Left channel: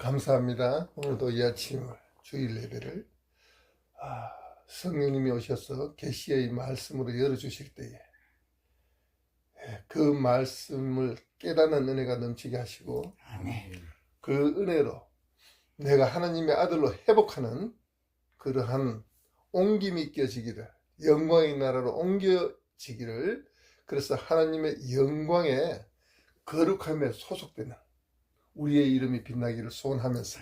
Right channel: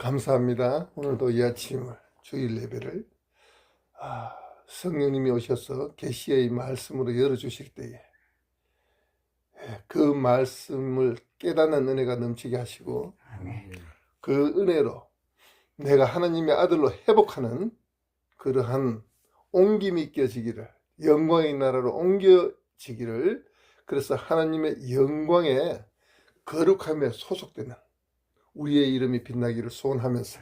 감사합니다. 오늘도 이 아침을 주일 예배를 성령님이 오셔서 계시의 말씀으로 열어주실 때에 그 말씀을 깨닫는 은혜가 넘치게 하시고 그 은혜로 내가 하나님의 아들로 회복하는 그러한 옮김이 있겨지기를, 영광의 나라로 옮겨지기를, 그래서 하나님의 영광에 거룩함에 소속되는 우리의 이름이 빛나기를 소원하면서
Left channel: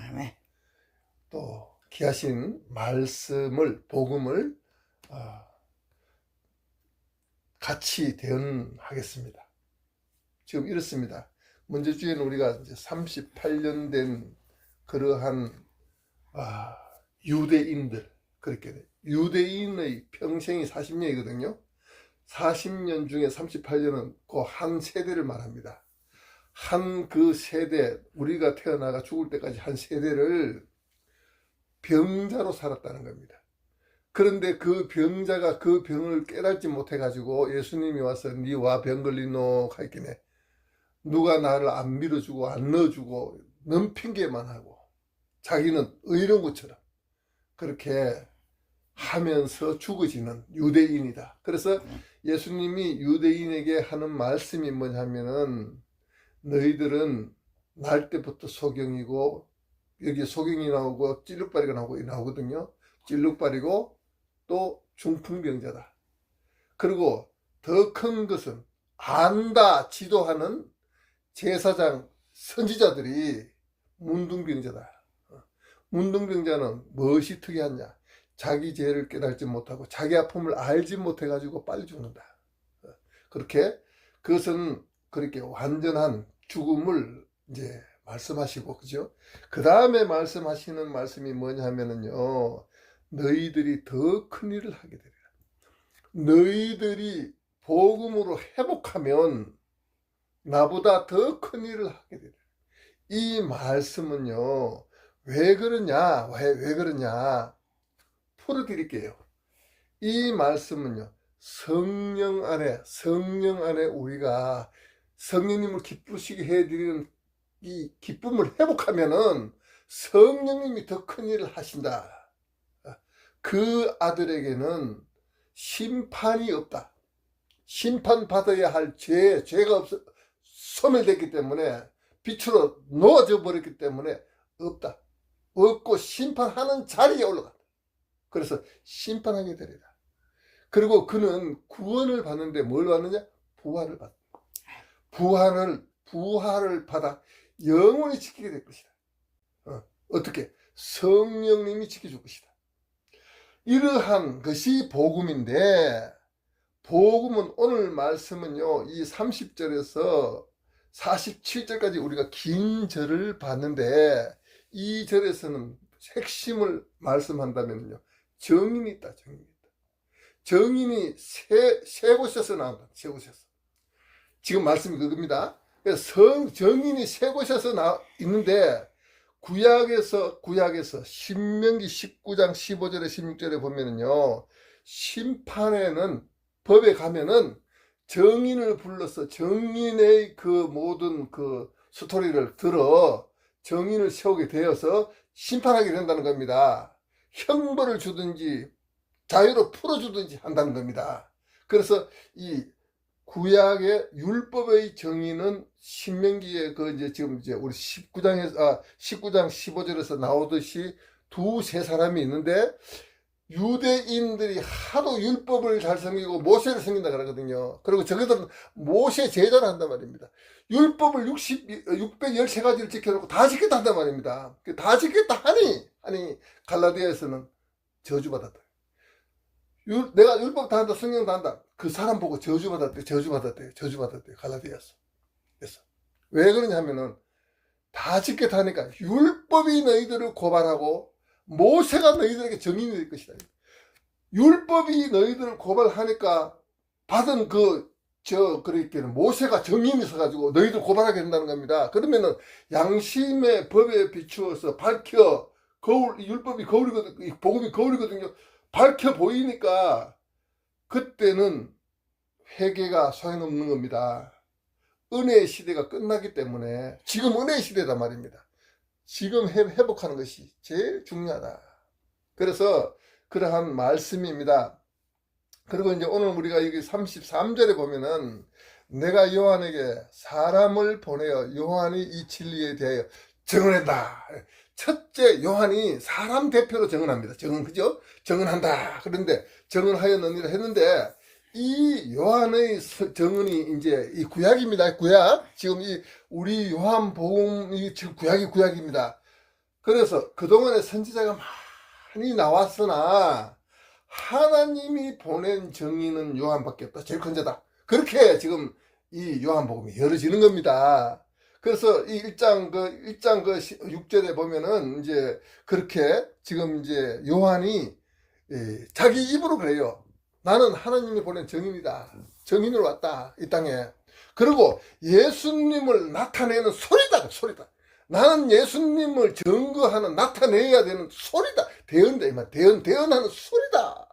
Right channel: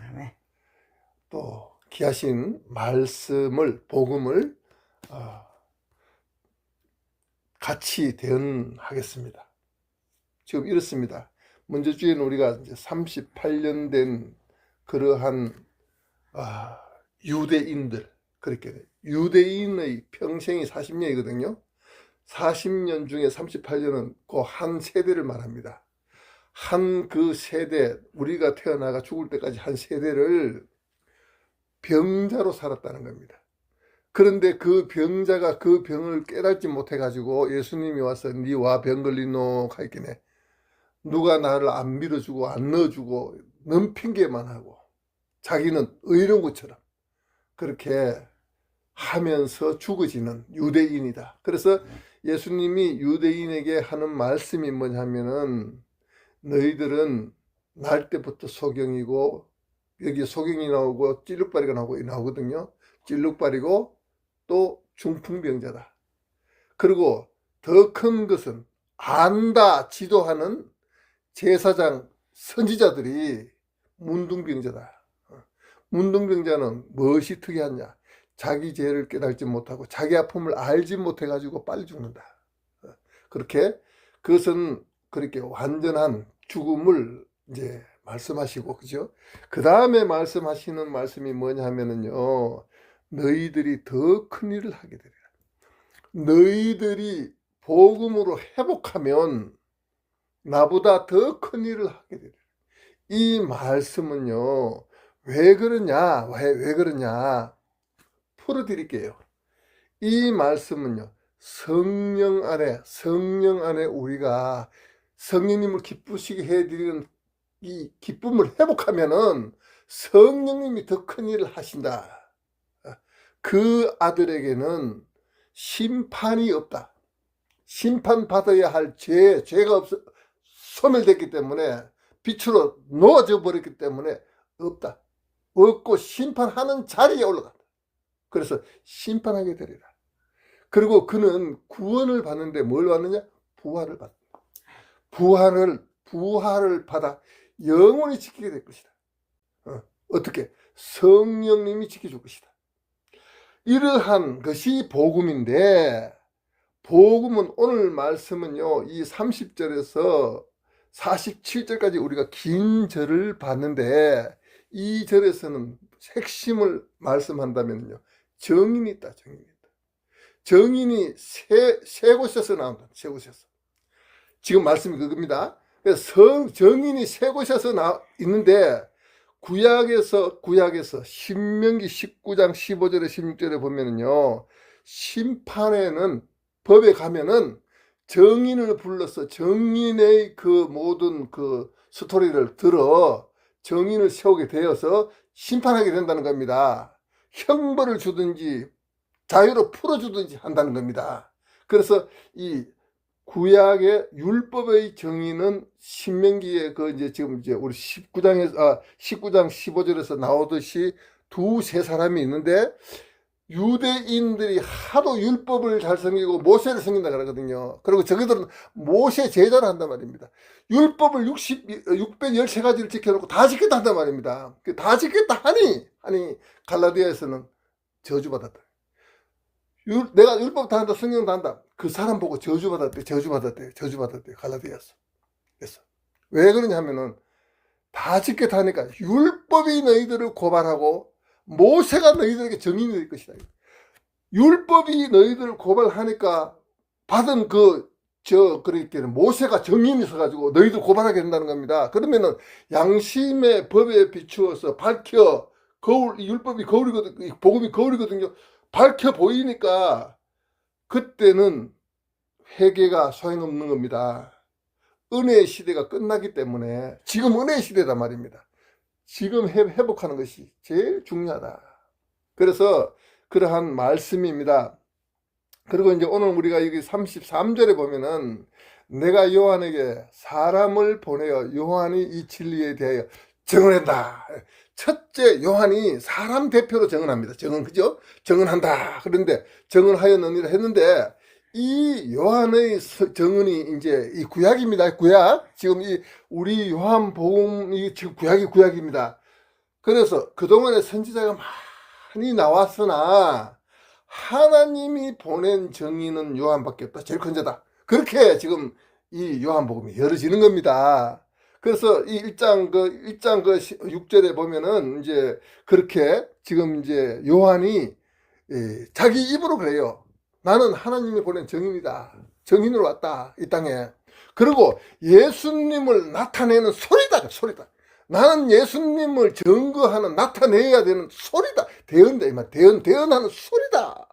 또 귀하신 말씀을, 복음을 같이 대언하겠습니다. 지금 이렇습니다. 먼저 주에는 우리가 이제 38년 된 그러한 유대인들, 그렇게 유대인의 평생이 40년이거든요. 40년 중에 38년은 그 한 세대를 말합니다. 한 그 세대, 우리가 태어나가 죽을 때까지 한 세대를 병자로 살았다는 겁니다. 그런데 그 병자가 그 병을 깨닫지 못해가지고 예수님이 와서 니 와 병 걸리노 하였기네. 누가 나를 안 믿어주고 안 넣어주고 넌 핑계만 하고 자기는 의로운 것처럼 그렇게 하면서 죽어지는 유대인이다. 그래서 예수님이 유대인에게 하는 말씀이 뭐냐면은 너희들은 날 때부터 소경이고, 여기 소경이 나오고 찔룩발이가 나오거든요. 찔룩발이고 또 중풍병자다. 그리고 더 큰 것은 안다 지도하는 제사장 선지자들이 문둥병자다. 문둥병자는 무엇이 특이하냐? 자기 죄를 깨닫지 못하고 자기 아픔을 알지 못해가지고 빨리 죽는다. 그렇게 그것은 그렇게 완전한 죽음을 이제 말씀하시고, 그죠? 그 다음에 말씀하시는 말씀이 뭐냐 하면은요, 너희들이 더 큰 일을 하게 되리라. 너희들이 복음으로 회복하면 나보다 더 큰 일을 하게 되리라. 이 말씀은요, 왜 그러냐, 왜 그러냐 풀어드릴게요. 이 말씀은요, 성령 안에 우리가 성령님을 기쁘시게 해드리는 이 기쁨을 회복하면은 성령님이 더 큰 일을 하신다. 그 아들에게는 심판이 없다. 심판받아야 할 죄가 소멸됐기 때문에, 빛으로 놓아져 버렸기 때문에 없다. 없고 심판하는 자리에 올라간다. 그래서 심판하게 되리라. 그리고 그는 구원을 받는데 뭘 받느냐? 부활을 받는다. 부활을 받아 영원히 지키게 될 것이다. 어떻게? 성령님이 지켜줄 것이다. 이러한 것이 복음인데, 복음은 오늘 말씀은요, 이 30절에서 47절까지 우리가 긴 절을 봤는데, 이 절에서는 핵심을 말씀한다면요, 정인이 있다. 정인이 세 곳에서 나온다. 세 곳에서. 지금 말씀이 그겁니다. 정인이 세 곳에서 있는데, 구약에서 신명기 19장 15절에 16절에 보면은요, 심판에는, 법에 가면은 정인을 불러서 정인의 그 모든 그 스토리를 들어 정인을 세우게 되어서 심판하게 된다는 겁니다. 형벌을 주든지 자유로 풀어주든지 한다는 겁니다. 그래서 이 구약의 율법의 정의는 신명기에 지금 우리 19장 15절에서 나오듯이 두세 사람이 있는데, 유대인들이 하도 율법을 잘 섬기고 모세를 섬긴다 그러거든요. 그리고 저희들은 모세 제자를 한단 말입니다. 율법을 613가지를 지켜놓고 다 지켰다 한단 말입니다. 다 지켰다 하니 갈라디아에서는 저주받았다. 내가 율법 다 한다, 성경 다 한다. 그 사람 보고 저주받았대. 갈라디아에서. 그래서 왜 그러냐 하면은 다 지켰다 하니까 율법이 너희들을 고발하고 모세가 너희들에게 정인이 될 것이다. 율법이 너희들을 고발하니까 받은 그렇게 모세가 정인이 있어가지고 너희들 고발하게 된다는 겁니다. 그러면은 양심의 법에 비추어서 밝혀, 율법이 거울이거든요. 복음이 거울이거든요. 밝혀 보이니까 그때는 회개가 소용없는 겁니다. 은혜의 시대가 끝나기 때문에, 지금 은혜의 시대다 말입니다. 지금 회복하는 것이 제일 중요하다. 그래서 그러한 말씀입니다. 그리고 이제 오늘 우리가 여기 33절에 보면은 내가 요한에게 사람을 보내어 요한이 이 진리에 대하여 증언한다. 첫째, 요한이 사람 대표로 증언합니다. 그죠? 증언한다. 그런데 증언하였느니라 했는데 이 요한의 증언이 이제 이 구약입니다. 구약. 지금 이 우리 요한복음이 지금 구약입니다. 그래서 그동안에 선지자가 많이 나왔으나 하나님이 보낸 정의는 요한밖에 없다. 제일 큰 자다. 그렇게 지금 이 요한복음이 열어지는 겁니다. 그래서 이 1장 6절에 보면은 이제 그렇게 지금 이제 요한이 자기 입으로 그래요. 나는 하나님이 보낸 정인이다. 정인으로 왔다. 이 땅에. 그리고 예수님을 나타내는 소리다. 나는 예수님을 증거하는, 나타내야 되는 소리다. 대언하는 소리다.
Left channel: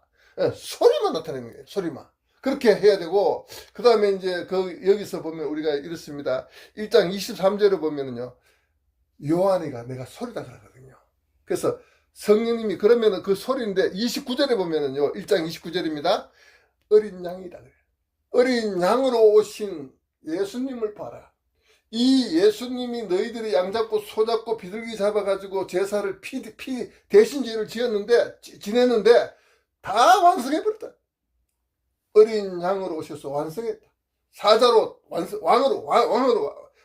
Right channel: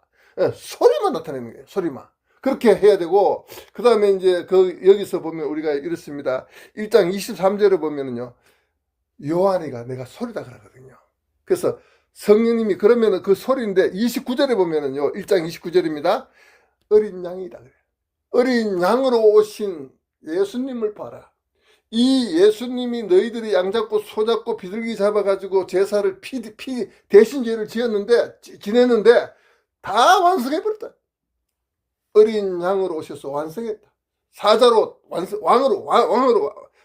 소리만 나타내는 거예요. 소리만. 그렇게 해야 되고, 그 다음에 이제 여기서 보면 우리가 이렇습니다. 1장 23절에 보면은요, 요한이가 내가 소리다 그러거든요. 그래서 성령님이 그러면은 그 소리인데 29절에 보면은요, 1장 29절입니다. 어린 양이다. 어린 양으로 오신 예수님을 봐라. 이 예수님이 너희들이 양 잡고 소 잡고 비둘기 잡아가지고 제사를 대신 죄를 지냈는데 다 완성해버렸다. 어린 양으로 오셔서 완성했다. 사자로 왕으로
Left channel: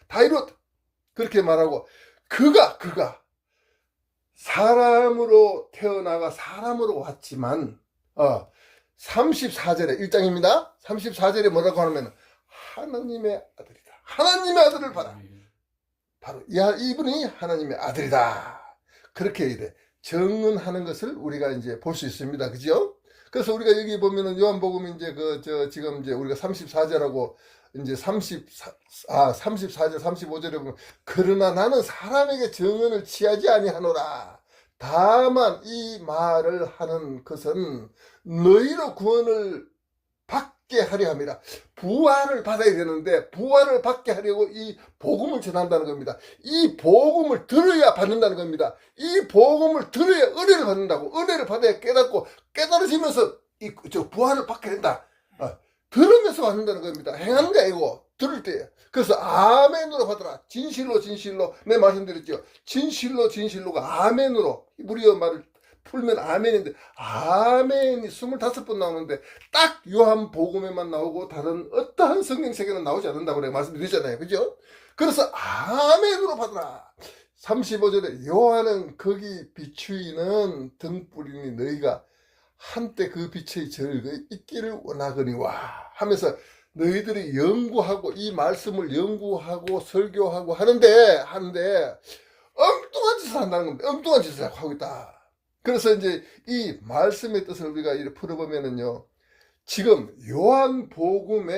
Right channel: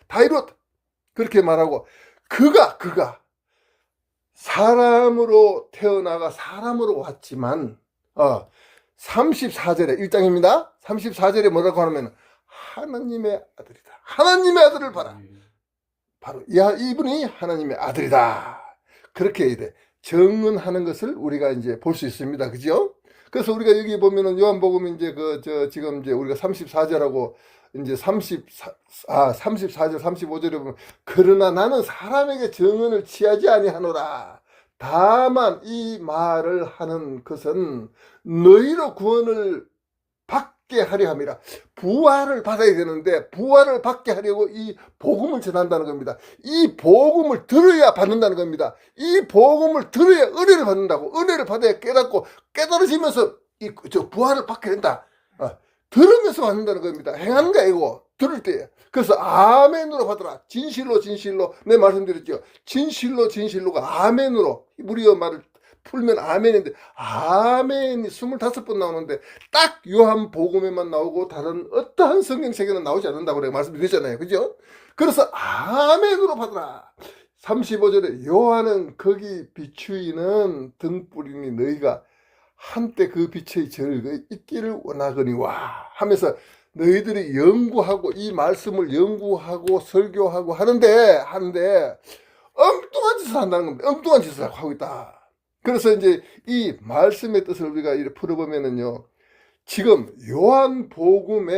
다 이뤘다. 그렇게 말하고 그가 사람으로 태어나가 사람으로 왔지만 34절에 1장입니다. 34절에 뭐라고 하면 하나님의 아들이다. 하나님의 아들을 봐라. 바로 이분이 하나님의 아들이다. 그렇게 이래 증언하는 것을 우리가 이제 볼 수 있습니다. 그죠? 그래서 우리가 여기 보면은 요한복음 이제 지금 이제 우리가 34절하고 이제 34절 35절에 보면 그러나 나는 사람에게 증언을 취하지 아니하노라. 다만 이 말을 하는 것은 너희로 구원을 받게 하려 함이라. 부활을 받아야 되는데 부활을 받게 하려고 이 복음을 전한다는 겁니다. 이 복음을 들어야 받는다는 겁니다. 이 복음을 들어야 은혜를 받는다고. 은혜를 받아야 깨닫고 깨달아지면서 부활을 받게 된다. 들으면서 받는다는 겁니다. 행하는 게 아니고 들을 때. 그래서 아멘으로 받으라. 진실로 내 말씀드렸죠. 진실로가 아멘으로 우리의 말을 풀면 아멘인데 아멘이 25번 나오는데 딱 요한복음에만 나오고 다른 어떠한 성경책에는 나오지 않는다고 내가 말씀드렸잖아요. 그죠? 그래서 아멘으로 받으라. 35절에 요한은 거기 비추이는 등불이니 너희가 한때 그 빛의 절거 있기를 원하거니와 하면서 너희들이 연구하고 이 말씀을 연구하고 설교하고 하는데 엉뚱한 짓을 한다는 겁니다. 엉뚱한 짓을 하고 있다. 그래서 이제 이 말씀의 뜻을 우리가 이렇게 풀어보면은요, 지금 요한복음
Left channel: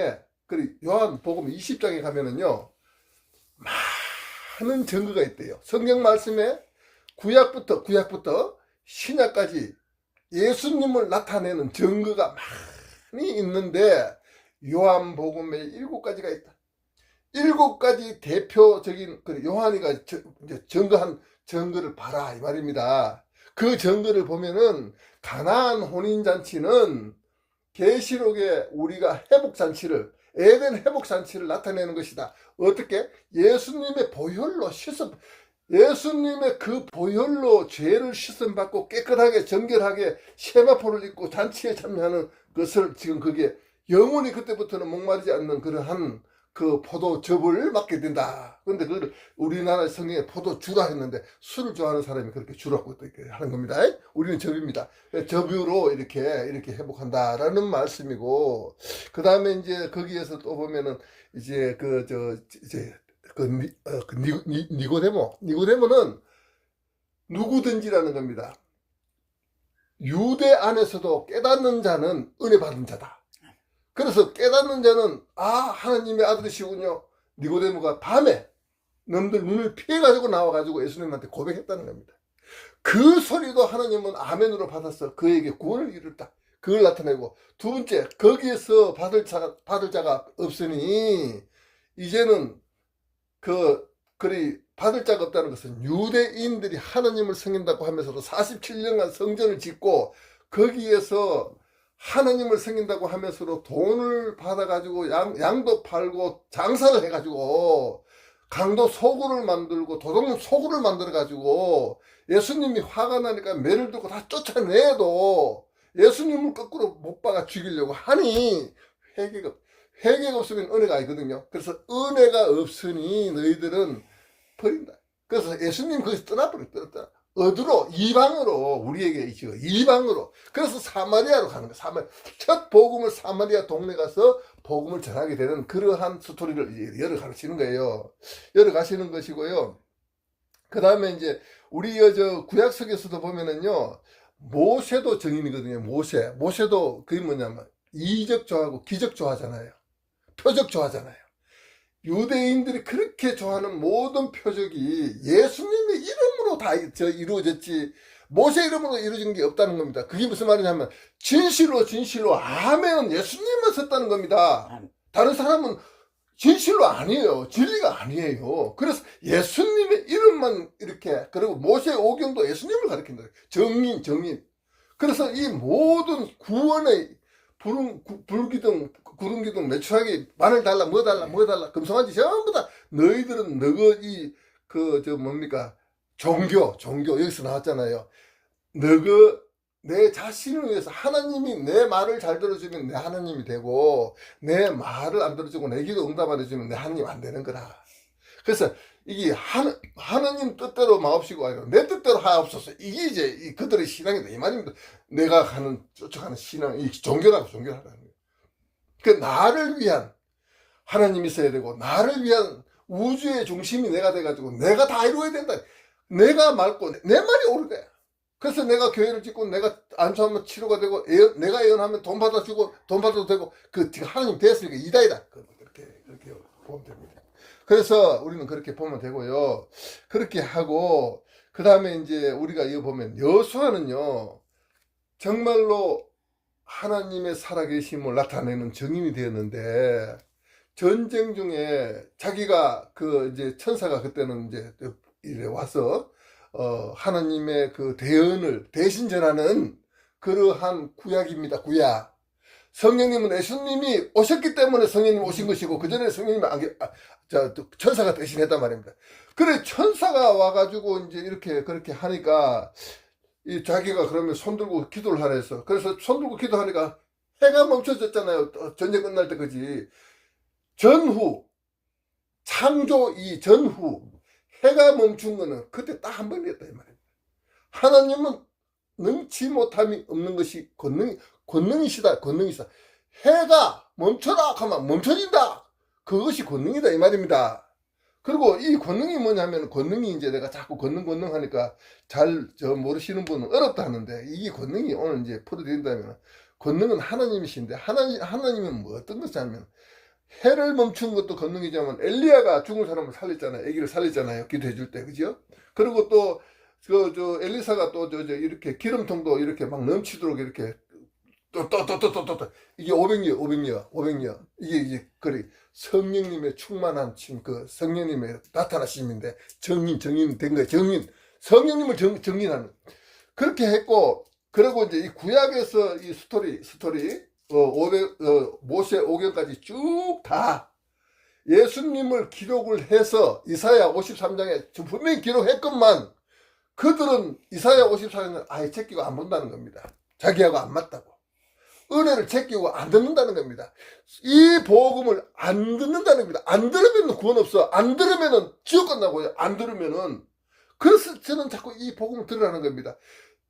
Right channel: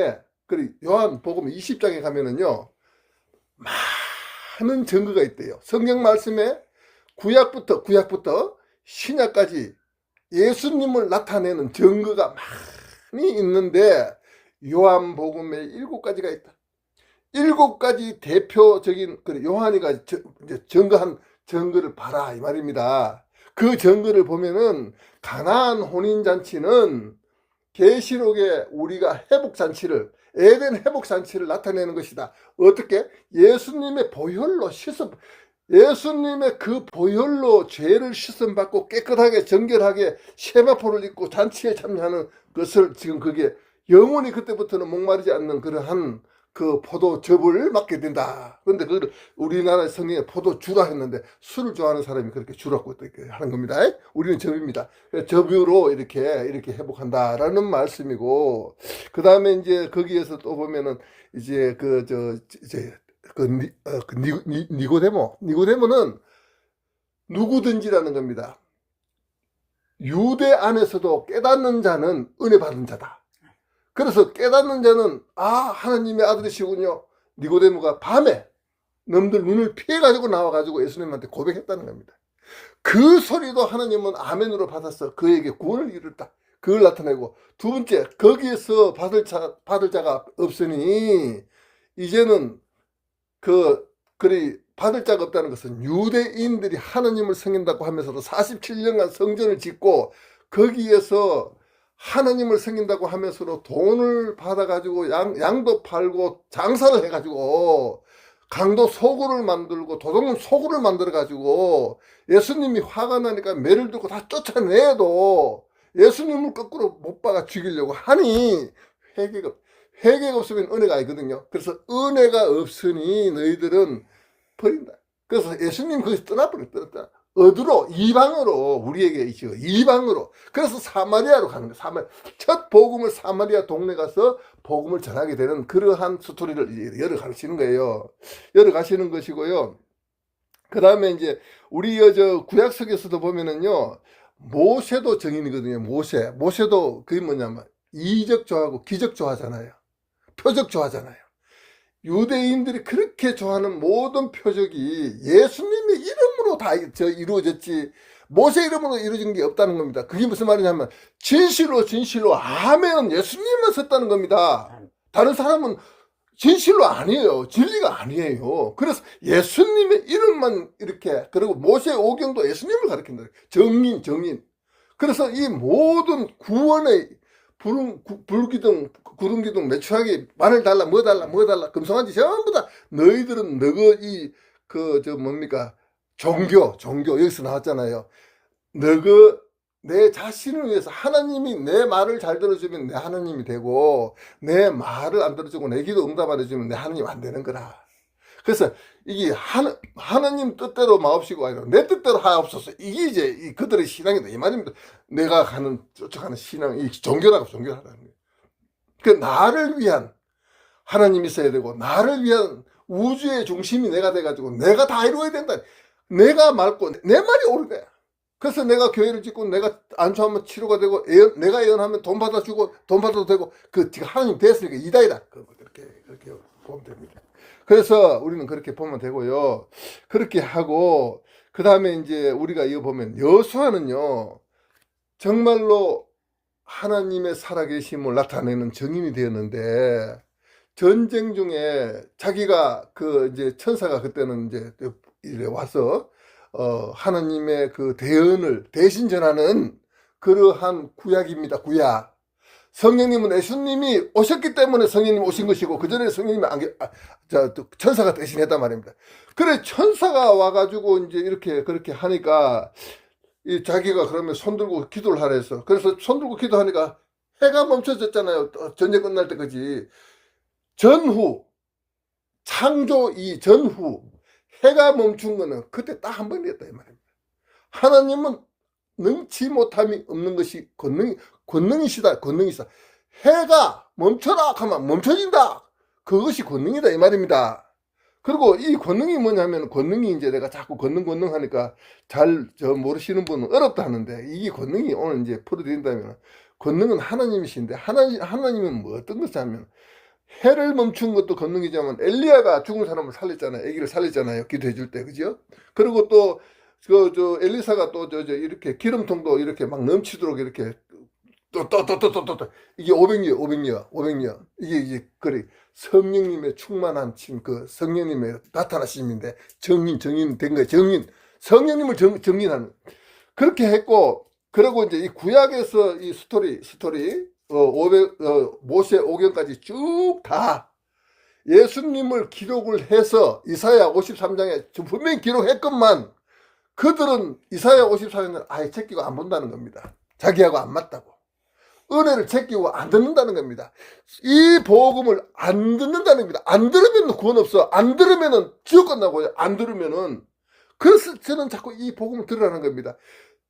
20장에 가면은요, 많은 증거가 있대요. 성경 말씀에 구약부터 신약까지 예수님을 나타내는 증거가 많이 있는데 요한복음에 7가지가 있다. 7가지 대표적인 요한이가 이제 증거한 증거를 봐라 이 말입니다. 그 증거를 보면은 가나안 혼인잔치는 계시록에 우리가 에덴 회복잔치를 나타내는 것이다. 어떻게? 예수님의 그 보혈로 죄를 씻음받고 깨끗하게 정결하게 세마포를 입고 잔치에 참여하는 것을 지금 그게 영원히 그때부터는 목마르지 않는 그러한 그 포도즙을 맡게 된다. 그런데 우리나라 성경에 포도주라 했는데 술을 좋아하는 사람이 그렇게 주라고 이렇게 하는 겁니다. 우리는 즙입니다. 즙으로 이렇게 회복한다라는 말씀이고, 그 다음에 이제 거기에서 또 보면은 이제 니고데모는 누구든지라는 겁니다. 유대 안에서도 깨닫는 자는 은혜 받은 자다. 그래서 깨닫는 자는 하나님의 아들이시군요. 니고데모가 밤에 놈들 눈을 피해가지고 나와가지고 예수님한테 고백했다는 겁니다. 그 소리도 하나님은 아멘으로 받아서 그에게 구원을 이뤘다. 그걸 나타내고, 두 번째, 거기에서 받을 자가 없으니 이제는 받을 자가 없다는 것은 유대인들이 하느님을 섬긴다고 하면서도 47년간 성전을 짓고 거기에서 하느님을 섬긴다고 하면서도 돈을 받아가지고 양도 팔고 장사를 해가지고 강도 소굴을 만들고 도둑은 소굴을 만들어가지고 예수님이 화가 나니까 매를 들고 다 쫓아내도 예수님을 거꾸로 못 박아 죽이려고 하니 회개가 없으면 은혜가 아니거든요. 그래서 은혜가 없으니 너희들은 버린다. 그래서 예수님 거기서 떠났다. 어디로? 이방으로 우리에게 있죠. 이방으로. 그래서 사마리아로 가는 거예요. 첫 복음을 사마리아 동네 가서 복음을 전하게 되는 그러한 스토리를 열어가시는 거예요. 열어가시는 것이고요. 그 다음에 이제 우리 저 구약 속에서도 보면은요, 모세도 증인이거든요. 모세도 그게 뭐냐면 이적 좋아하고 기적 좋아하잖아요. 표적 좋아하잖아요. 유대인들이 그렇게 좋아하는 모든 표적이 예수님의 이름으로 다 이루어졌지 모세 이름으로 이루어진 게 없다는 겁니다. 그게 무슨 말이냐면 진실로 아멘 예수님만 썼다는 겁니다. 다른 사람은 진실로 아니에요. 진리가 아니에요. 그래서 예수님의 이름만 이렇게, 그리고 모세 오경도 예수님을 가리킨다. 정인. 그래서 이 모든 구원의 불기둥, 구름기둥, 매출하기, 마늘 달라, 뭐 달라, 금송아지 전부 다 너희들은 종교, 여기서 나왔잖아요. 내 자신을 위해서 하나님이 내 말을 잘 들어주면 내 하나님이 되고, 내 말을 안 들어주고 내 기도 응답 안 해주면 내 하나님 안 되는 거라. 그래서 이게 하나님 뜻대로 마옵시고 아니라 내 뜻대로 하옵소서. 이게 이제 그들의 신앙이다 이 말입니다. 내가 쫓아가는 신앙, 이 종교라는 거예요. 그 나를 위한 하나님이 있어야 되고, 나를 위한 우주의 중심이 내가 돼가지고 내가 다 이루어야 된다. 내가 맑고 내 말이 옳은 거야. 그래서 내가 교회를 짓고 내가 안수하면 치료가 되고 내가 예언하면 돈 받아주고 돈 받아도 되고 그 하나님 됐으니까 이다이다. 그렇게 보면 됩니다. 그래서 우리는 그렇게 보면 되고요. 그렇게 하고 그 다음에 이제 우리가 이거 보면 여호수아는요 정말로 하나님의 살아계심을 나타내는 증인이 되었는데 전쟁 중에 자기가 이제 천사가 그때는 이제 이래 와서 하나님의 그 대언을 대신 전하는 그러한 구약입니다. 구약. 성령님은 예수님이 오셨기 때문에 성령님이 오신 것이고 그전에 성령님이 천사가 대신했단 말입니다. 그래 천사가 와가지고 이제 이렇게 그렇게 하니까 자기가 그러면 손들고 기도를 하라 했어. 그래서 손들고 기도하니까 해가 멈춰졌잖아요. 전쟁 끝날 때 그지. 창조 전후 해가 멈춘 거는 그때 딱 한 번이었다 이 말입니다. 하나님은 능치 못함이 없는 것이 권능이시다. 해가 멈춰라 하면 멈춰진다. 그것이 권능이다 이 말입니다. 그리고 이 권능이 뭐냐면 권능이 이제 내가 자꾸 권능 하니까 잘 모르시는 분은 어렵다 하는데 이게 권능이 오늘 이제 풀어드린다면 권능은 하나님이신데 하나님은 뭐 어떤 것을 하면 해를 멈춘 것도 권능이지만 엘리야가 죽은 사람을 살렸잖아요. 아기를 살렸잖아요. 기도해 줄 때. 그죠? 그리고 또 엘리사가 또 이렇게 기름통도 이렇게 막 넘치도록 이렇게 또 이게 500여 이게 그래 성령님의 충만한 그 성령님의 나타나심인데 정인 된 거예요. 성령님을 정인하는 그렇게 했고 그리고 이제 이 구약에서 이 스토리 모세 오경까지 쭉 다 예수님을 기록을 해서 이사야 53장에 분명히 기록했건만 그들은 이사야 54장을 아예 제끼고 안 본다는 겁니다. 자기하고 안 맞다고. 은혜를 제끼고 안 듣는다는 겁니다. 이 복음을 안 듣는다는 겁니다. 안 들으면 구원 없어. 안 들으면 지옥 간다고요. 안 들으면은. 그래서 저는 자꾸 이 복음을 들으라는 겁니다.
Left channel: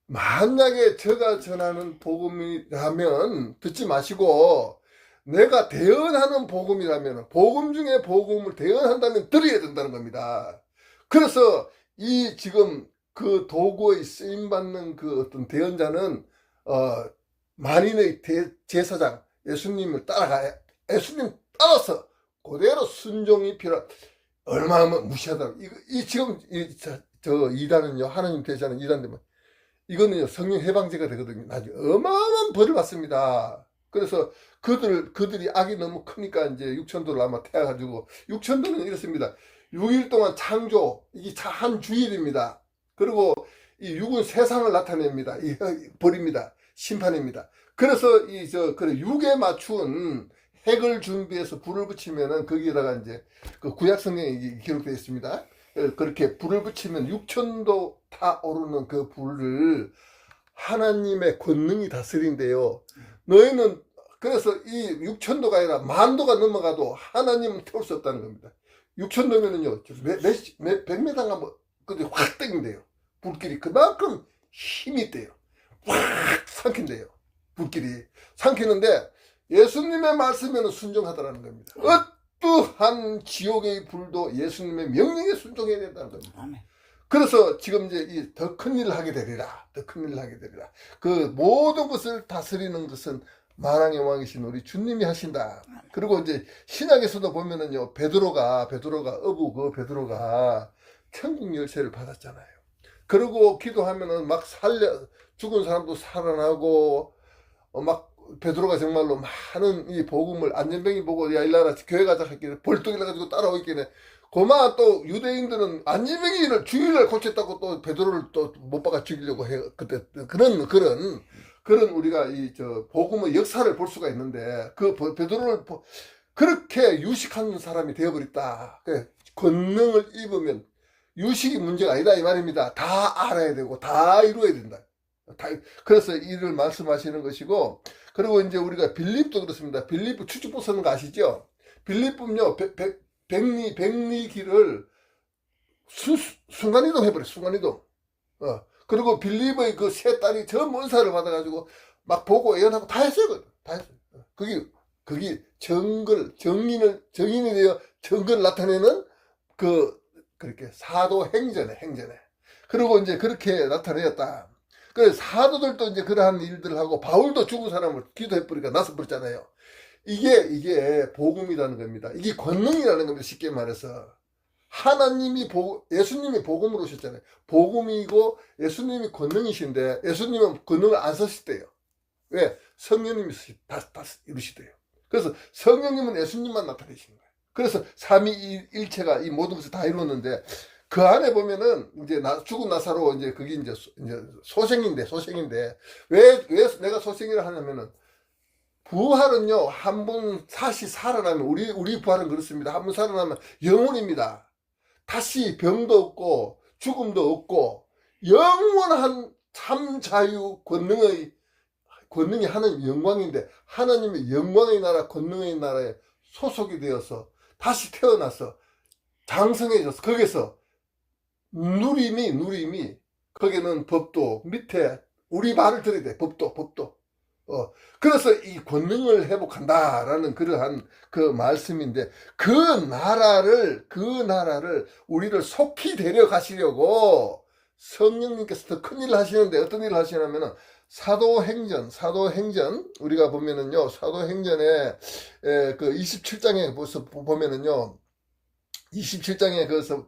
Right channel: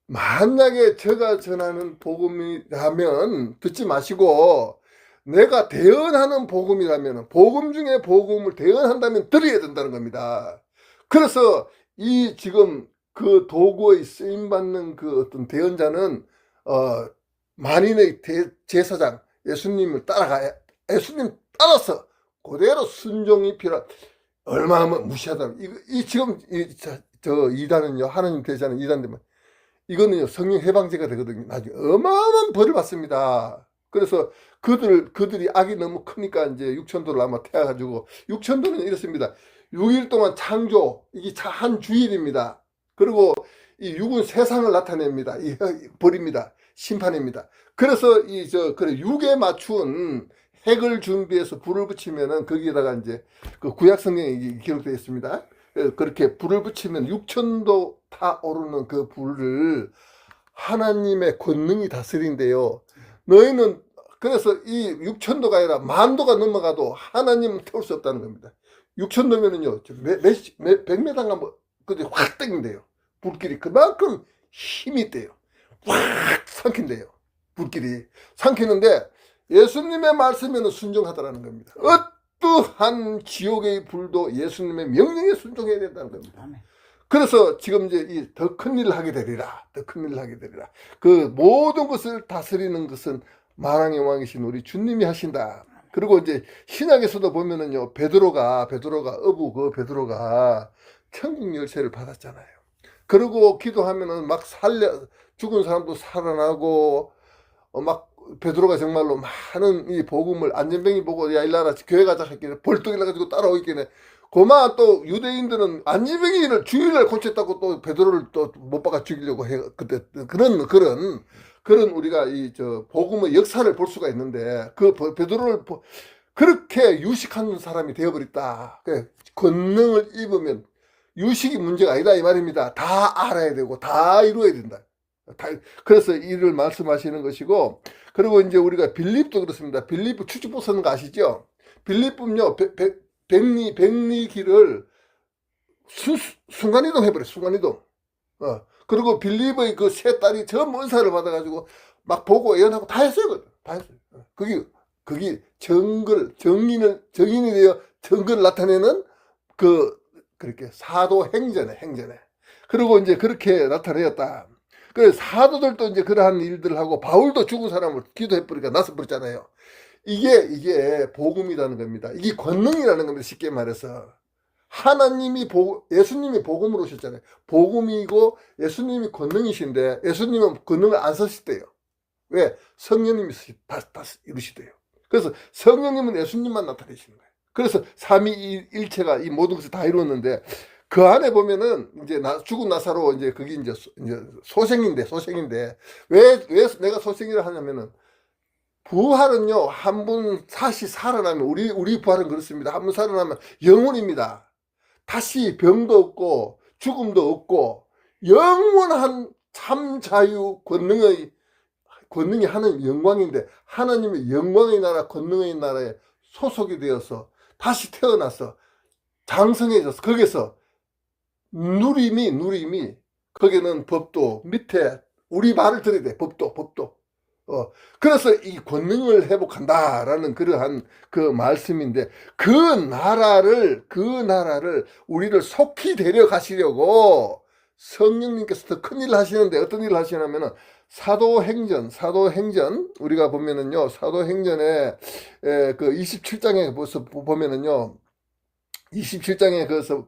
만약에 제가 전하는 복음이라면 듣지 마시고 내가 대언하는 복음이라면 복음 중에 복음을 대언한다면 들어야 된다는 겁니다. 그래서 이 지금 그 도구의 쓰임받는 그 어떤 대언자는 만인의 제사장 예수님을 따라가야 예수님 따라서 그대로 순종이 필요한 얼마나 무시하다. 지금 저 이단은요 하나님 대신하는 이단들만 이거는요 성령 해방제가 되거든요. 나중에 어마어마한 벌을 받습니다. 그래서 그들이 악이 너무 크니까 이제 육천도를 아마 태워가지고 육천도는 이렇습니다. 6일 동안 창조, 이게 한 주일입니다. 그리고 이 6은 세상을 나타냅니다. 벌입니다. 심판입니다. 그래서 그래 6에 맞춘 핵을 준비해서 불을 붙이면은 거기에다가 이제 그 구약 성경에 기록되어 있습니다. 그렇게 불을 붙이면 6천도 다 오르는 그 불을 하나님의 권능이 다스린대요. 너희는 그래서 이 6천도가 아니라 만도가 넘어가도 하나님은 태울 수 없다는 겁니다. 6천도면은요, 100m가 뭐, 근데 확 땡긴대요. 불길이. 그만큼 힘이 있대요. 확 삼킨대요. 불길이. 삼키는데 예수님의 말씀에는 순종하더라는 겁니다. 어떠한 지옥의 불도 예수님의 명령에 순종해야 된다는 겁니다. 그래서 지금 이제 더 큰 일을 하게 되리라. 더 큰 일을 하게 되리라. 그 모든 것을 다스리는 것은 만왕의 왕이신 우리 주님이 하신다. 그리고 이제 신약에서도 보면은요, 베드로가 천국 열쇠를 받았잖아요. 그리고 기도하면은 막 죽은 사람도 살아나고, 막 베드로가 정말로 많은 이 복음을 안전병이 보고, 야 일나라 교회 가자 했길래 벌떡 일어나가지고 따라오겠네. 고마 또 유대인들은 안전병이를 주일날 고쳤다고 또 베드로를 또 못 박아 죽이려고 해. 그때 그런 우리가 복음의 역사를 볼 수가 있는데, 그 베드로를 그렇게 유식한 사람이 되어버렸다. 권능을 입으면 유식이 문제가 아니다 이 말입니다. 다 알아야 되고 다 이루어야 된다. 그래서 이를 말씀하시는 것이고, 그리고 이제 우리가 빌립도 그렇습니다. 빌립 추측보 쓰는 거 아시죠? 빌립은요, 백리 길을 순간이동 해버려, 순간이동. 그리고 빌립의 그 세 딸이 전부 은사를 받아가지고 막 보고 예언하고 다 했어요. 다 했어요. 거기 정인이 되어 정글을 나타내는 그렇게 사도행전에. 그리고 이제 그렇게 나타내었다. 그래서 사도들도 이제 그러한 일들을 하고, 바울도 죽은 사람을 기도해버리니까 나서 버렸잖아요. 이게 복음이라는 겁니다. 이게 권능이라는 겁니다. 쉽게 말해서. 예수님이 복음으로 오셨잖아요. 복음이고 예수님이 권능이신데, 예수님은 권능을 안 쓰시대요. 왜? 성령님이 다 이루시대요. 그래서 성령님은 예수님만 나타내시는 거예요. 그래서 삼위일체가 이 모든 것을 다 이루었는데, 그 안에 보면은 이제 죽은 나사로 이제 그게 이제 소생인데 왜 내가 소생이라 하냐면은, 부활은요, 한 번 다시 살아나면, 우리 부활은 그렇습니다. 한 번 살아나면 영원입니다. 다시 병도 없고 죽음도 없고 영원한 참 자유 권능이 하나님 영광인데, 하나님의 영광의 나라, 권능의 나라에 소속이 되어서 다시 태어나서 장성해져서 거기서 누림이 거기는 법도 밑에 우리 말을 들어야 돼. 법도. 그래서 이 권능을 회복한다라는 그러한 그 말씀인데, 그 나라를 우리를 속히 데려가시려고 성령님께서 더 큰 일을 하시는데, 어떤 일을 하시냐면은 사도행전 우리가 보면은요, 사도행전에 그 27장에 보면은요, 27장에 그래서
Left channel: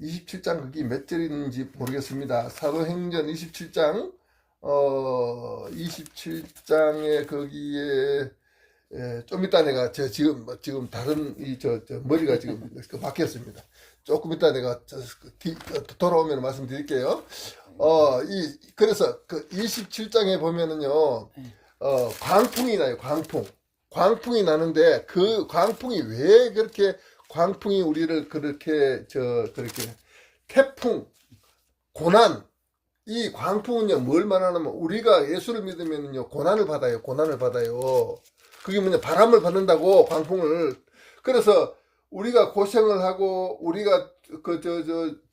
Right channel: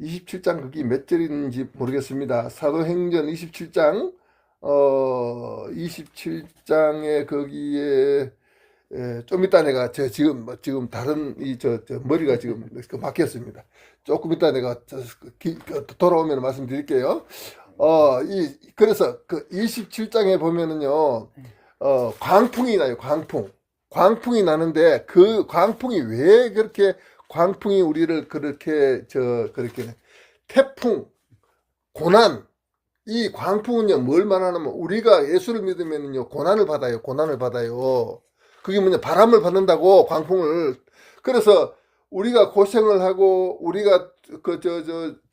27장 그게 몇 절인지 모르겠습니다. 사도행전 27장 27장에 거기에 좀 이따 내가 지금 다른 머리가 지금 막혔습니다. 조금 이따 내가 돌아오면 말씀드릴게요. 그래서 그 27장에 보면은요, 광풍이 나요. 광풍이 나는데, 그 광풍이 왜 그렇게 광풍이 우리를 그렇게 태풍, 고난, 이 광풍은요, 뭘 말하냐면, 우리가 예수를 믿으면요, 고난을 받아요. 그게 뭐냐, 바람을 받는다고, 광풍을. 그래서 우리가 고생을 하고, 우리가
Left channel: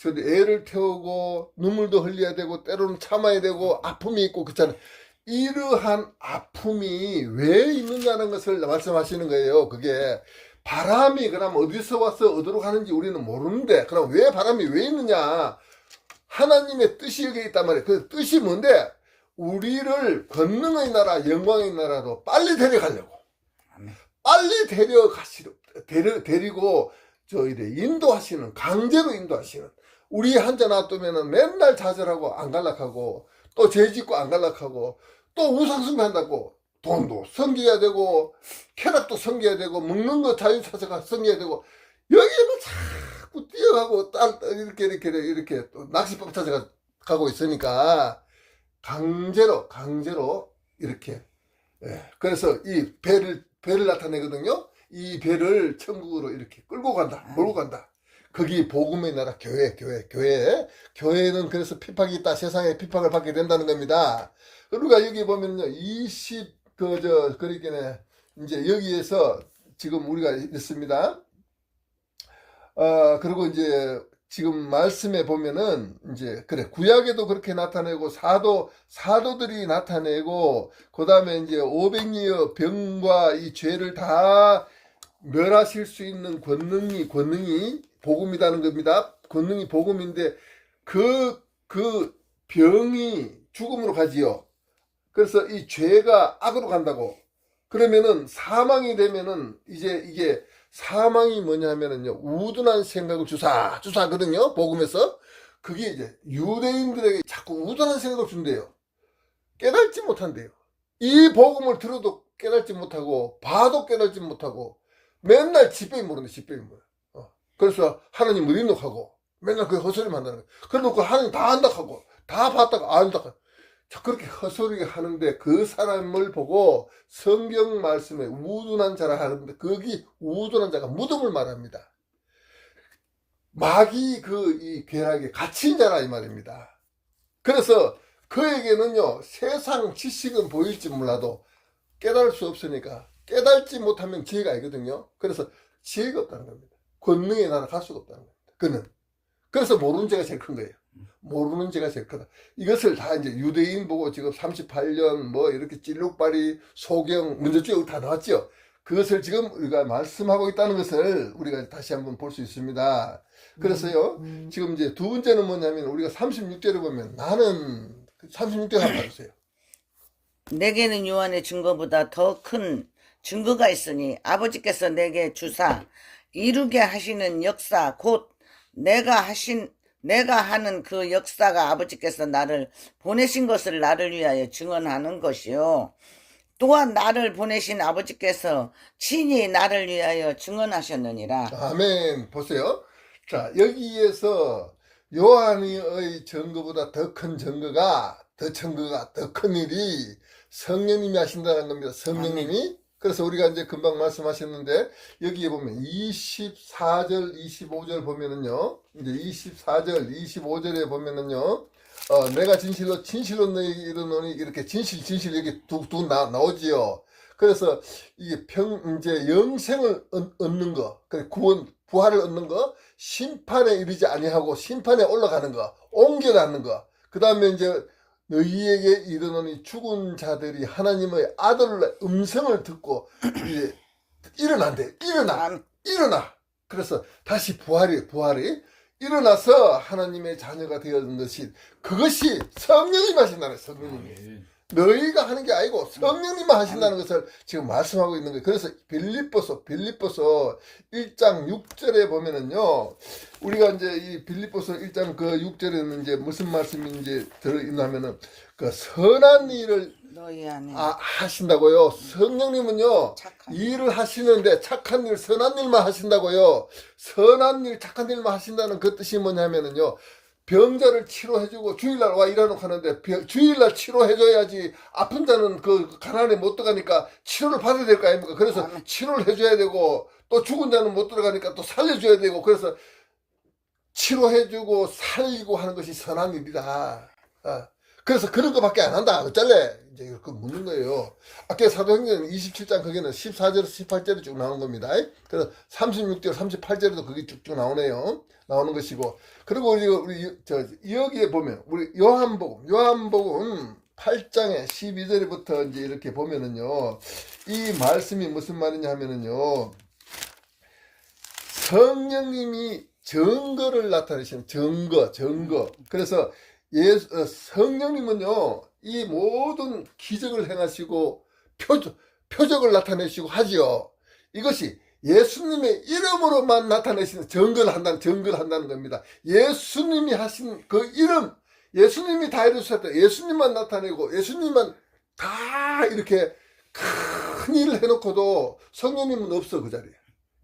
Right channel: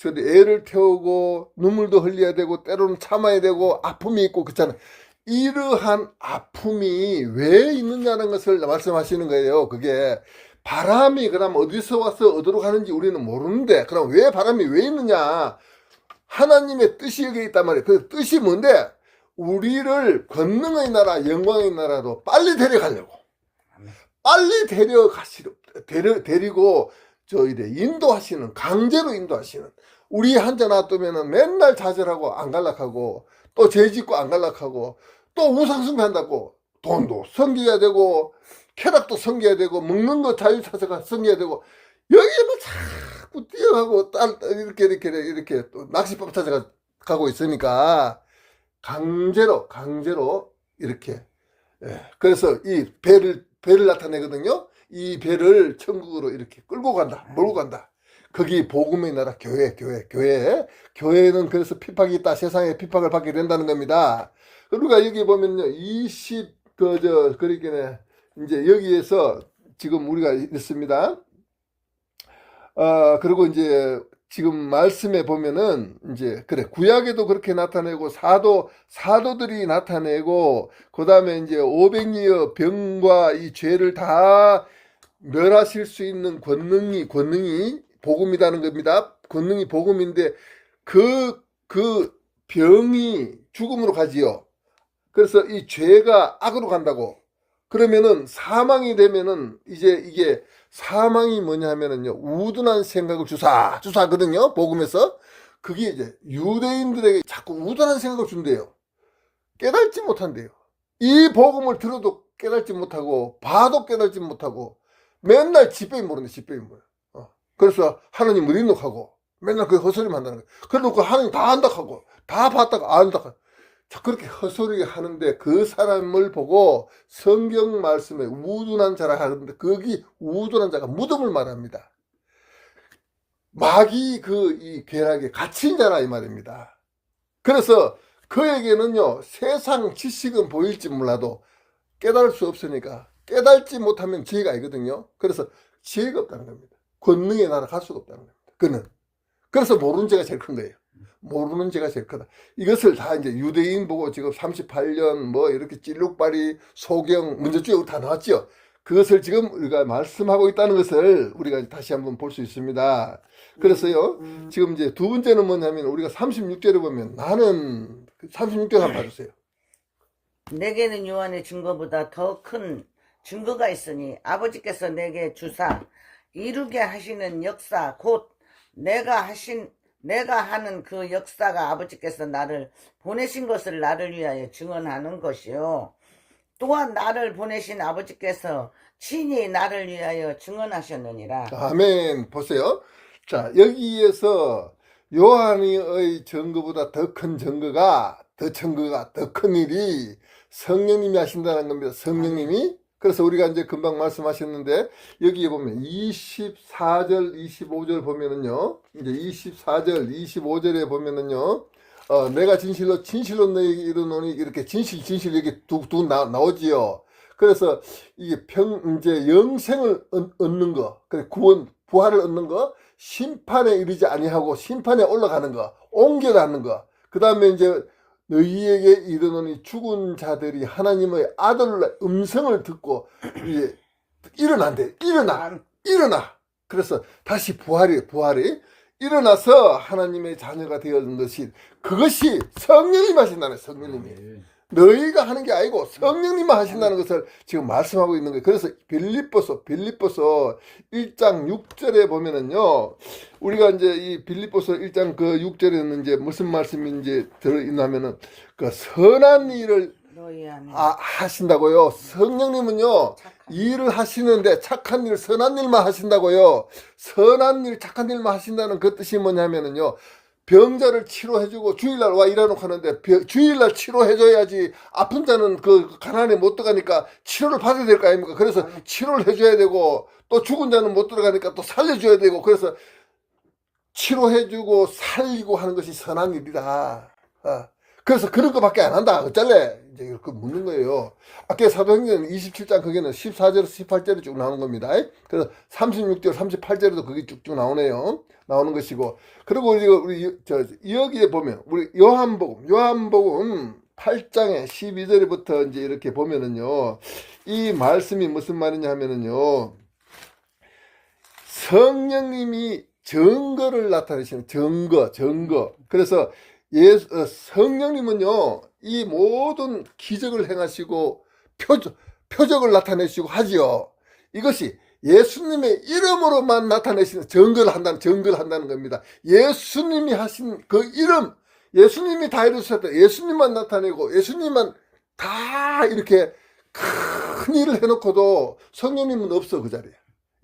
애를 태우고, 눈물도 흘려야 되고, 때로는 참아야 되고, 아픔이 있고, 그렇잖아요. 이러한 아픔이 왜 있느냐는 것을 말씀하시는 거예요. 그게 바람이 그럼 어디서 와서 어디로 가는지 우리는 모르는데, 그럼 왜 바람이 왜 있느냐? 하나님의 뜻이 여기 있단 말이에요. 그 뜻이 뭔데? 우리를 권능의 나라, 영광의 나라로 빨리 데려가려고. 빨리 데리고 인도하시는, 강제로 인도하시는. 우리 한자 놔두면은 맨날 좌절하고 안 갈락하고, 또 죄짓고 안 갈락하고, 또 우상숭배한다고 돈도 섬겨야 되고, 쾌락도 섬겨야 되고, 먹는 거 자유차세가 섬겨야 되고, 여기에만 자꾸 뛰어가고 이렇게 또 낚시법 찾아가고 있으니까 강제로 이렇게. 예. 그래서 이 배를 나타내거든요. 이 배를 천국으로 이렇게 끌고 간다, 몰고 간다. 거기 복음의 나라 교회는 그래서 핍박이 있다. 세상에 핍박을 받게 된다는 겁니다. 우리가 여기 보면요, 그러니까 이제 여기에서 지금 우리가 있습니다. 그리고 이제 지금 말씀에 보면은 이제 그래 구약에도 그렇게 나타내고 사도들이 나타내고 그다음에 이제 500리의 병과 이 죄를 다 멸하실 수 있는 권능이 복음이라는 겁니다. 권능이 복음인데 그 병이 죽음으로 가지요. 그래서 이 죄가 악으로 간다고. 그러면은 사망이 되면은 이제 이게 사망이 뭐냐면은요, 우둔한 생각을 주사하거든요, 복음에서. 그게 이제 유대인들에게 자꾸 우둔한 생각을 준대요. 깨닫지 못한대요. 이 복음을 들어도 깨닫지 못하고, 봐도 깨닫지 못하고, 맨날 집배이 모르네, 집배이 모르. 그래서 하나님을 인록하고, 맨날 그 헛소리만 한다는 거예요. 그래놓고 하나님 다 안다고, 다 봤다가 안다고. 자, 그렇게 헛소리 하는데 그 사람을 보고 성경 말씀에 우둔한 자라 하는데 거기 우둔한 자가 무덤을 말합니다. 마귀 이 괴락에 갇힌 자라 이 말입니다. 그래서 그에게는요, 세상 지식은 보일지 몰라도 깨달을 수 없으니까 깨닫지 못하면 지혜가 아니거든요. 그래서 지혜가 없다는 겁니다. 권능의 나라 갈 수가 없다는 겁니다. 그래서 모르는 죄가 제일 큰 거예요. 모르는 죄가 제일 크다. 이것을 다 이제 유대인 보고 지금 38년 뭐 이렇게 찔룩발이 소경 문제쭉 다 나왔죠. 그것을 지금 우리가 말씀하고 있다는 것을 우리가 다시 한번 볼 수 있습니다. 그래서요, 지금 이제 두 번째는 뭐냐면 우리가 36절에 보면 나는 36절 한번 봐주세요. 내게는 요한의 증거보다 더 큰 증거가 있으니 아버지께서 내게 주사 이루게 하시는 역사 곧 내가 하는 그 역사가 아버지께서 나를 보내신 것을 나를 위하여 증언하는 것이요. 또한 나를 보내신 아버지께서 친히 나를 위하여 증언하셨느니라. 아멘. 보세요. 자, 여기에서 요한의 증거보다 더 큰 증거가, 더 큰 일이 성령님이 하신다는 겁니다. 성령님이. 그래서 우리가 이제 금방 말씀하셨는데, 여기에 보면 24절, 25절 보면은요, 이제 24절, 25절에 보면은요, 내가 진실로 너에게 이르노니, 이렇게 진실, 이렇게 나오지요. 그래서 이게 이제 영생을 얻는 거, 그래, 부활을 얻는 거, 심판에 이르지 아니하고 심판에 올라가는 거, 옮겨가는 거, 그 다음에 이제 너희에게 이르노니 죽은 자들이 하나님의 아들의 음성을 듣고 이제 일어난대. 일어나. 그래서 다시 부활이 일어나서 하나님의 자녀가 되었는 것이 그것이 성령님 하신다는 성령님이. 너희가 하는 게 아니고 성령님만 하신다는 것을 지금 말씀하고 있는 거예요. 그래서 빌립보서 1장 6절에 보면은요, 우리가 이제 이 빌립보서 1장 그 6절에는 이제 무슨 말씀이 이제 들어있냐면은 그 선한 일을 너희 안에 하신다고요. 성령님은요, 일을 하시는데 착한 일, 선한 일만 하신다고요. 선한 일, 착한 일만 하신다는 그 뜻이 뭐냐면은요, 병자를 치료해주고 주일날 와 일하놓고 하는데 주일날 치료해줘야지 아픈 자는 그 가난에 못 들어가니까 치료를 받아야 될 거 아닙니까? 그래서 치료를 해줘야 되고 또 죽은 자는 못 들어가니까 또 살려줘야 되고 그래서 치료해주고 살리고 하는 것이 선한 일이다. 그래서 그런 거밖에 안 한다. 어쩔래? 이제 그 묻는 거예요. 아까 사도행전 27장 거기는 14절에서 18절이 쭉 나오는 겁니다. 그래서 36절, 38절에도 그게 쭉쭉 나오네요. 나오는 것이고. 그리고 우리 여기에 보면 우리 요한복음 8장에 12절부터 이제 이렇게 보면은요, 이 말씀이 무슨 말이냐 하면은요, 성령님이 증거를 나타내시는 증거. 그래서 성령님은요, 이 모든 기적을 행하시고 표적을 나타내시고 하지요. 이것이 예수님의 이름으로만 나타내시는 증거를 한다는 겁니다. 예수님이 하신 그 이름, 예수님이 다 이루셨다. 예수님만 나타내고 예수님만 다 이렇게 큰 일을 해놓고도 성령님은 없어 그 자리에.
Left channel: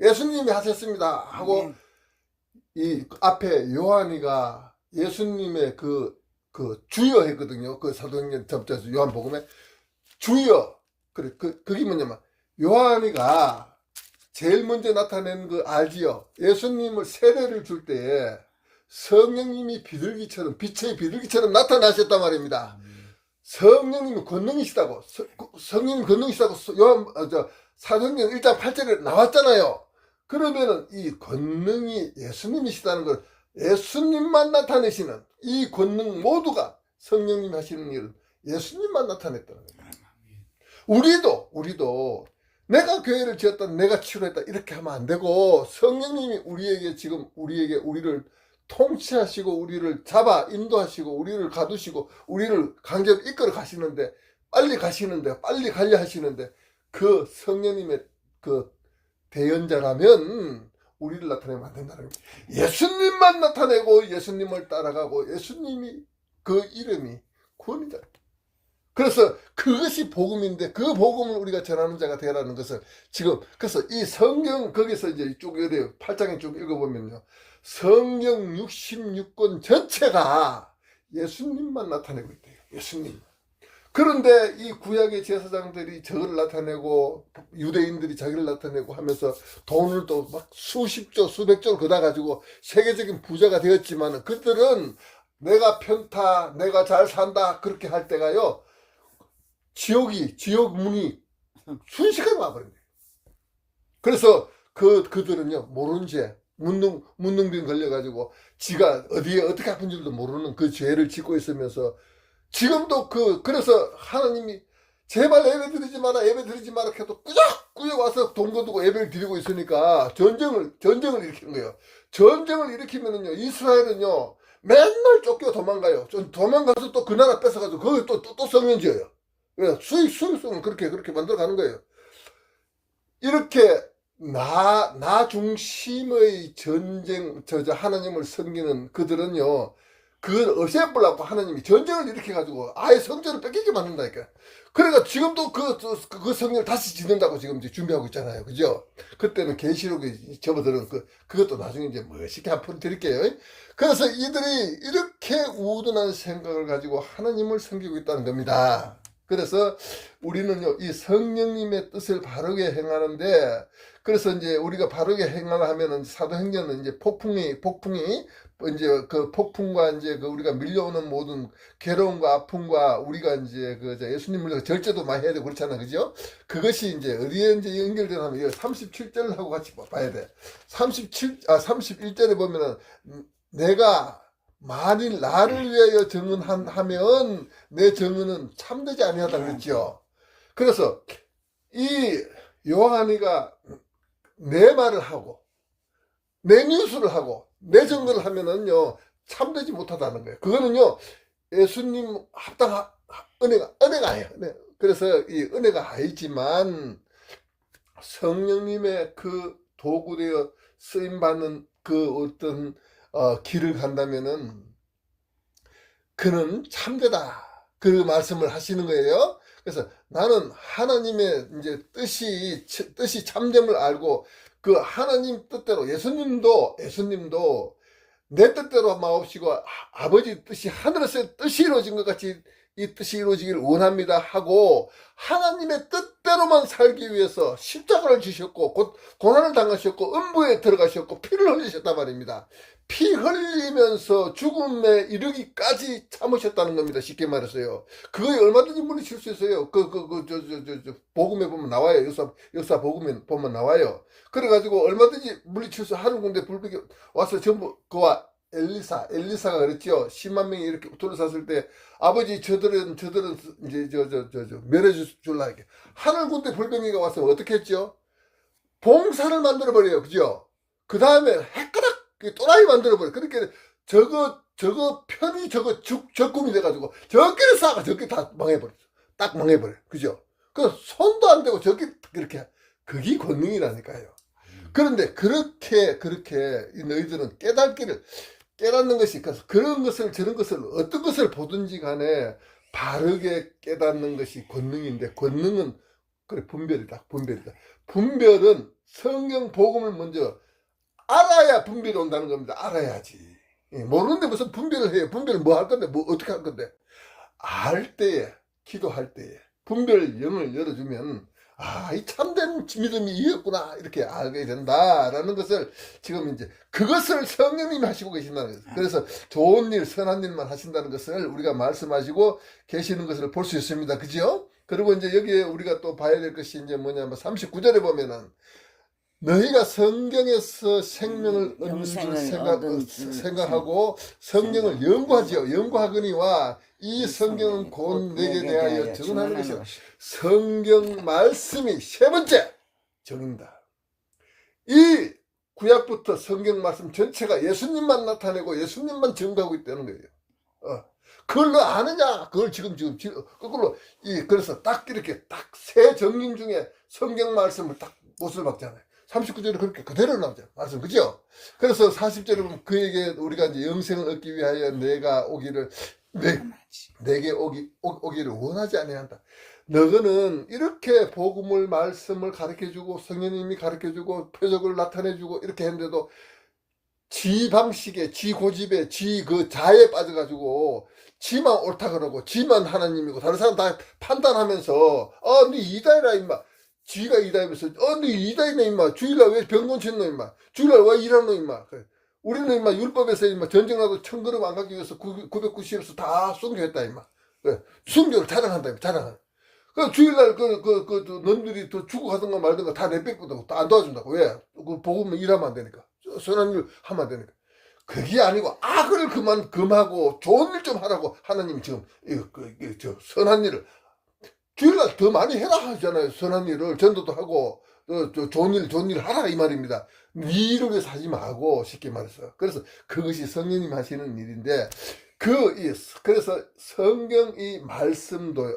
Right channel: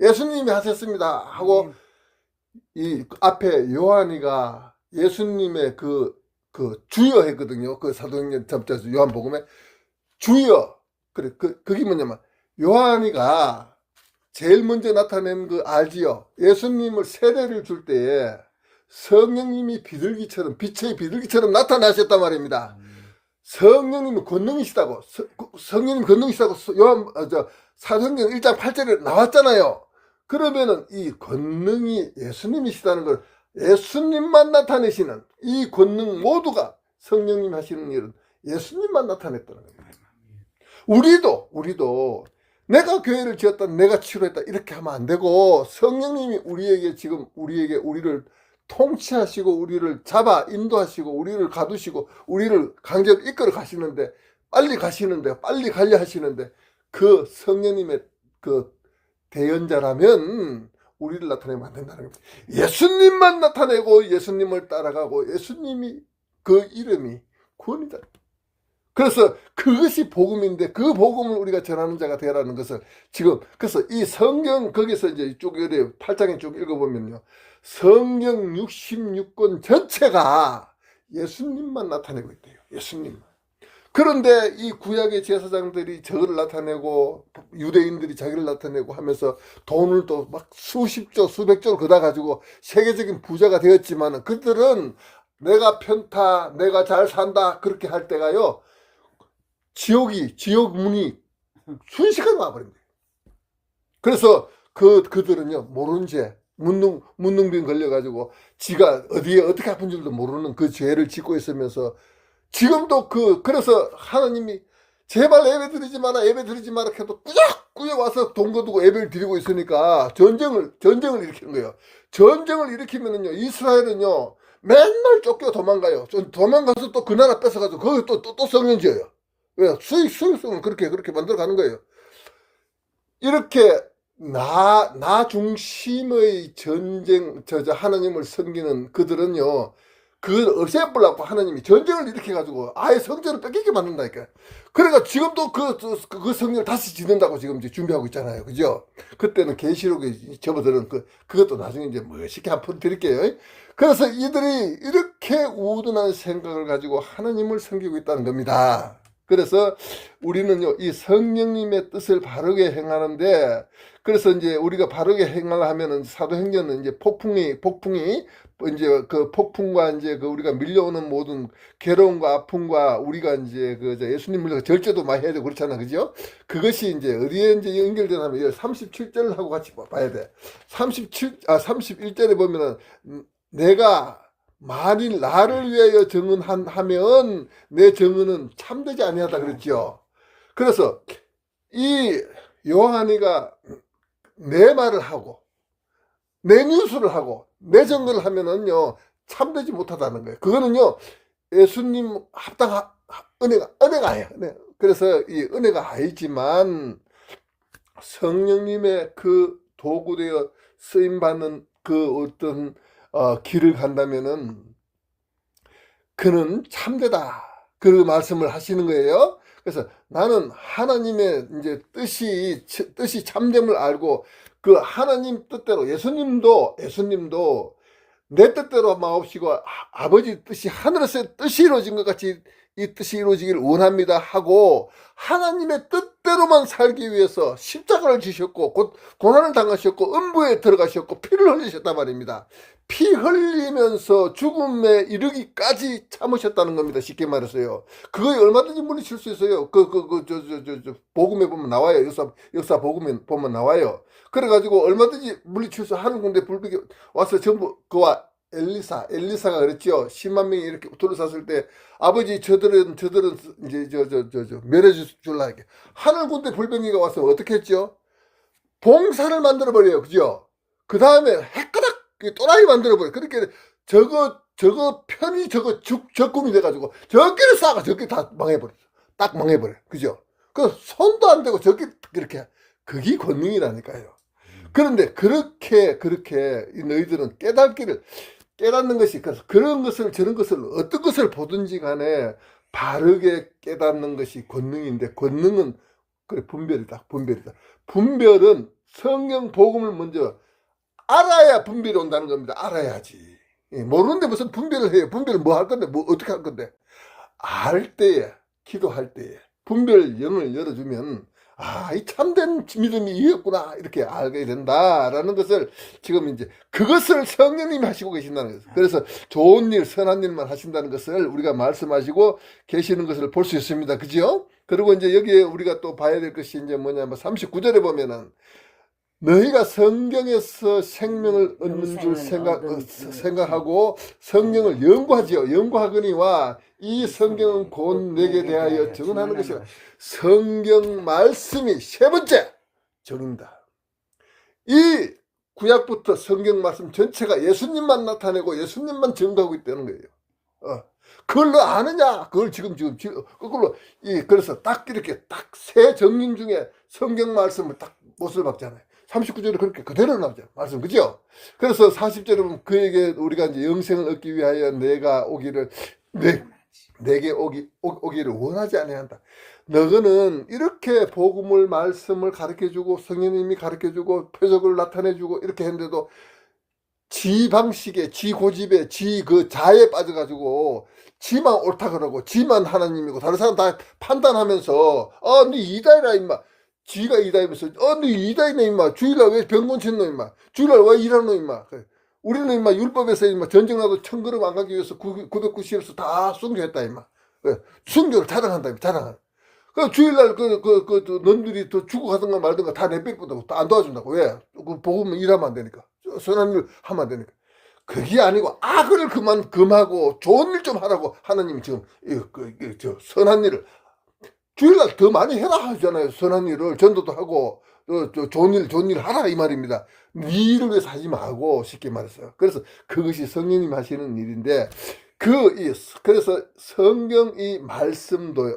예수님이 하셨습니다 하고 이 앞에 요한이가 예수님의 그 주여 했거든요. 그 사도행전 요한복음에 주여. 그래, 그게 뭐냐면, 요한이가 제일 먼저 나타낸 그 알지요. 예수님을 세례를 줄 때에 성령님이 비둘기처럼, 빛의 비둘기처럼 나타나셨단 말입니다. 성령님이 권능이시다고, 성령님 권능이시다고 사도행전 1장 8절에 나왔잖아요. 그러면은 이 권능이 예수님이시다는 걸 예수님만 나타내시는 이 권능 모두가 성령님 하시는 일은 예수님만 나타냈다는 거예요. 우리도 내가 교회를 지었다, 내가 치료했다 이렇게 하면 안 되고 성령님이 우리를 통치하시고 우리를 잡아 인도하시고 우리를 가두시고 우리를 강제로 이끌어 가시는데 빨리 가려 하시는데 그 성령님의 그 대연자라면 우리를 나타내면 안 된다는 거예요. 예수님만 나타내고 예수님을 따라가고 예수님이 그 이름이 구원이다. 그래서 그것이 복음인데 그 복음을 우리가 전하는 자가 되라는 것을 지금 그래서 이 성경 거기서 이제 쭉 8장에 쭉 읽어보면요. 성경 66권 전체가 예수님만 나타내고 있대요. 예수님. 그런데 이 구약의 제사장들이 저를 나타내고 유대인들이 자기를 나타내고 하면서 돈을 또 막 수십조 수백조를 걷어 가지고 세계적인 부자가 되었지만 그들은 내가 편타 내가 잘 산다 그렇게 할 때가요 지옥 문이 순식간에 와버린 거예요. 그래서 그들은요 모르는 죄 문둥병 걸려가지고 지가 어디에 어떻게 아픈 줄도 모르는 그 죄를 짓고 있으면서 지금도 그래서 하나님이 제발 예배 드리지 마라 해도 꾸역꾸역 와서 돈 거두고 예배를 드리고 있으니까 전쟁을 일으키는 거예요. 전쟁을 일으키면은요 이스라엘은요 맨날 쫓겨 도망가요. 도망가서 또 그 나라 뺏어가지고 거기 또 성전 지어요. 왜? 수익성은 그렇게 만들어 가는 거예요. 이렇게 나 중심의 전쟁, 하나님을 섬기는 그들은요, 그걸 없애버리려고 하나님이 전쟁을 일으켜가지고 아예 성전을 뺏기게 만든다니까. 그러니까 지금도 그 성전을 다시 짓는다고 지금 이제 준비하고 있잖아요. 그죠? 그때는 계시록에 접어드는 그것도 나중에 이제 멋있게 한번 드릴게요. 그래서 이들이 이렇게 우둔한 생각을 가지고 하나님을 섬기고 있다는 겁니다. 그래서 우리는요, 이 성령님의 뜻을 바르게 행하는데, 그래서 이제 우리가 바르게 행하면은 사도행전은 이제 폭풍이 이제 그 폭풍과 이제 우리가 밀려오는 모든 괴로움과 아픔과 우리가 이제 예수님 물려서 절제도 많이 해야 되고 그렇잖아. 그죠? 그것이 이제 어디에 이제 연결되냐면 37절하고 같이 봐야 돼. 31절에 보면은 내가 만일 나를 위하여 증언하면 내 증언은 참되지 아니하다 그랬죠. 그래서 이 요한이가 내 말을 하고 내 뉴스를 하고 내 증언을 하면은요 참되지 못하다는 거예요. 그거는요 예수님 합당한 은혜가 아니에요. 그래서 이 은혜가 아니지만 성령님의 그 도구되어 쓰임 받는 그 어떤 길을 간다면은 그는 참되다. 그 말씀을 하시는 거예요. 그래서 나는 하나님의 이제 뜻이 참됨을 알고 그 하나님 뜻대로 예수님도 내 뜻대로 마옵시고 아버지 뜻이 하늘에서 뜻이 이루어진 것 같이 이 뜻이 이루어지기를 원합니다 하고 하나님의 뜻대로만 살기 위해서 십자가를 지셨고 곧 고난을 당하셨고 음부에 들어가셨고 피를 흘리셨단 말입니다. 피 흘리면서 죽음에 이르기까지 참으셨다는 겁니다. 쉽게 말해서요. 그거 얼마든지 물리칠 수 있어요. 복음에 보면 나와요. 역사 복음에 보면 나와요. 그래가지고 얼마든지 물리칠 수 하는 건데 불백이 와서 전부 그와 엘리사가 그랬죠. 10만 명이 이렇게 둘러쌌을 때 아버지 저들은 이제 멸해 줄라 이렇게 하늘 군대 불병이가 와서 어떻게 했죠? 봉사를 만들어 버려요. 그죠? 그 다음에 헷가닥 또라이 만들어버려. 그러니까 저거 편이 적금이 돼가지고 저끼리 싸가 저끼리 다 망해버려. 딱 망해버려. 그죠? 그 손도 안 대고 저끼리 그렇게 그게 권능이라니까요. 그런데 그렇게 너희들은 깨닫는 것이 그런 것을 저런 것을 어떤 것을 보든지 간에 바르게 깨닫는 것이 권능인데 권능은 그래 분별이다. 분별은 성경 복음을 먼저 알아야 분별이 온다는 겁니다. 알아야지. 예, 모르는데 무슨 분별을 해요. 분별을 뭐 할 건데, 뭐 어떻게 할 건데. 알 때에, 기도할 때에 분별 영을 열어주면 아, 이 참된 믿음이 이었구나 이렇게 알게 된다라는 것을 지금 이제 그것을 성령님이 하시고 계신다는 거예요. 그래서 좋은 일, 선한 일만 하신다는 것을 우리가 말씀하시고 계시는 것을 볼 수 있습니다. 그죠? 그리고 이제 여기에 우리가 또 봐야 될 것이 이제 뭐냐면 39절에 보면은 너희가 성경에서 생명을 얻는 줄 영생을 얻은 줄 생각하고 성경을 연구하지요. 연구하거니와 이 성경은 곧 내게 대하여 증언하는 것이요. 성경 말씀이 세 번째 정인다. 이 구약부터 성경 말씀 전체가 예수님만 나타내고 예수님만 증거하고 있다는 거예요. 그걸 너 아느냐? 그걸 지금 거꾸로 그래서 딱 이렇게 딱 세 정인 중에 성경 말씀을 딱 못을 박잖아요. 39절에 그렇게 그대로 나오죠. 말씀, 그죠? 그래서 40절에 보면 그에게 우리가 이제 영생을 얻기 위하여 내가 오기를, 내게 오기를 원하지 않아야 한다. 너희는 이렇게 복음을, 말씀을 가르쳐주고, 성령님이 가르쳐주고, 표적을 나타내주고, 이렇게 했는데도 지 방식에, 지 고집에, 지 그 자에 빠져가지고, 지만 옳다 그러고, 지만 하나님이고, 다른 사람 다 판단하면서, 네 이다이라, 임마. 지가 이다이면서 너 이다이네 임마. 주일날 왜 병건 쳤노 임마. 주일날 왜 일하노 임마. 우리는 임마 율법에서 임마 전쟁나도 천걸음 안 가기 위해서 990에서 다 순교했다 임마. 순교를 자랑한다 임마. 자랑한다. 그 주일날 놈들이 또 죽어가든가 말든가 다 내뺏거든. 다 안 도와준다고. 왜? 그 복음 일하면 안 되니까. 선한 일 하면 안 되니까. 그게 아니고 악을 금하고 좋은 일 좀 하라고 하나님이 지금 선한 일을 주일날 더 많이 해라 하잖아요. 선한 일을 전도도 하고 좋은 일 하라 이 말입니다. 네 일을 위해서 하지 말고 쉽게 말해서. 그래서 그것이 성령님 하시는 일인데 그래서 성경 이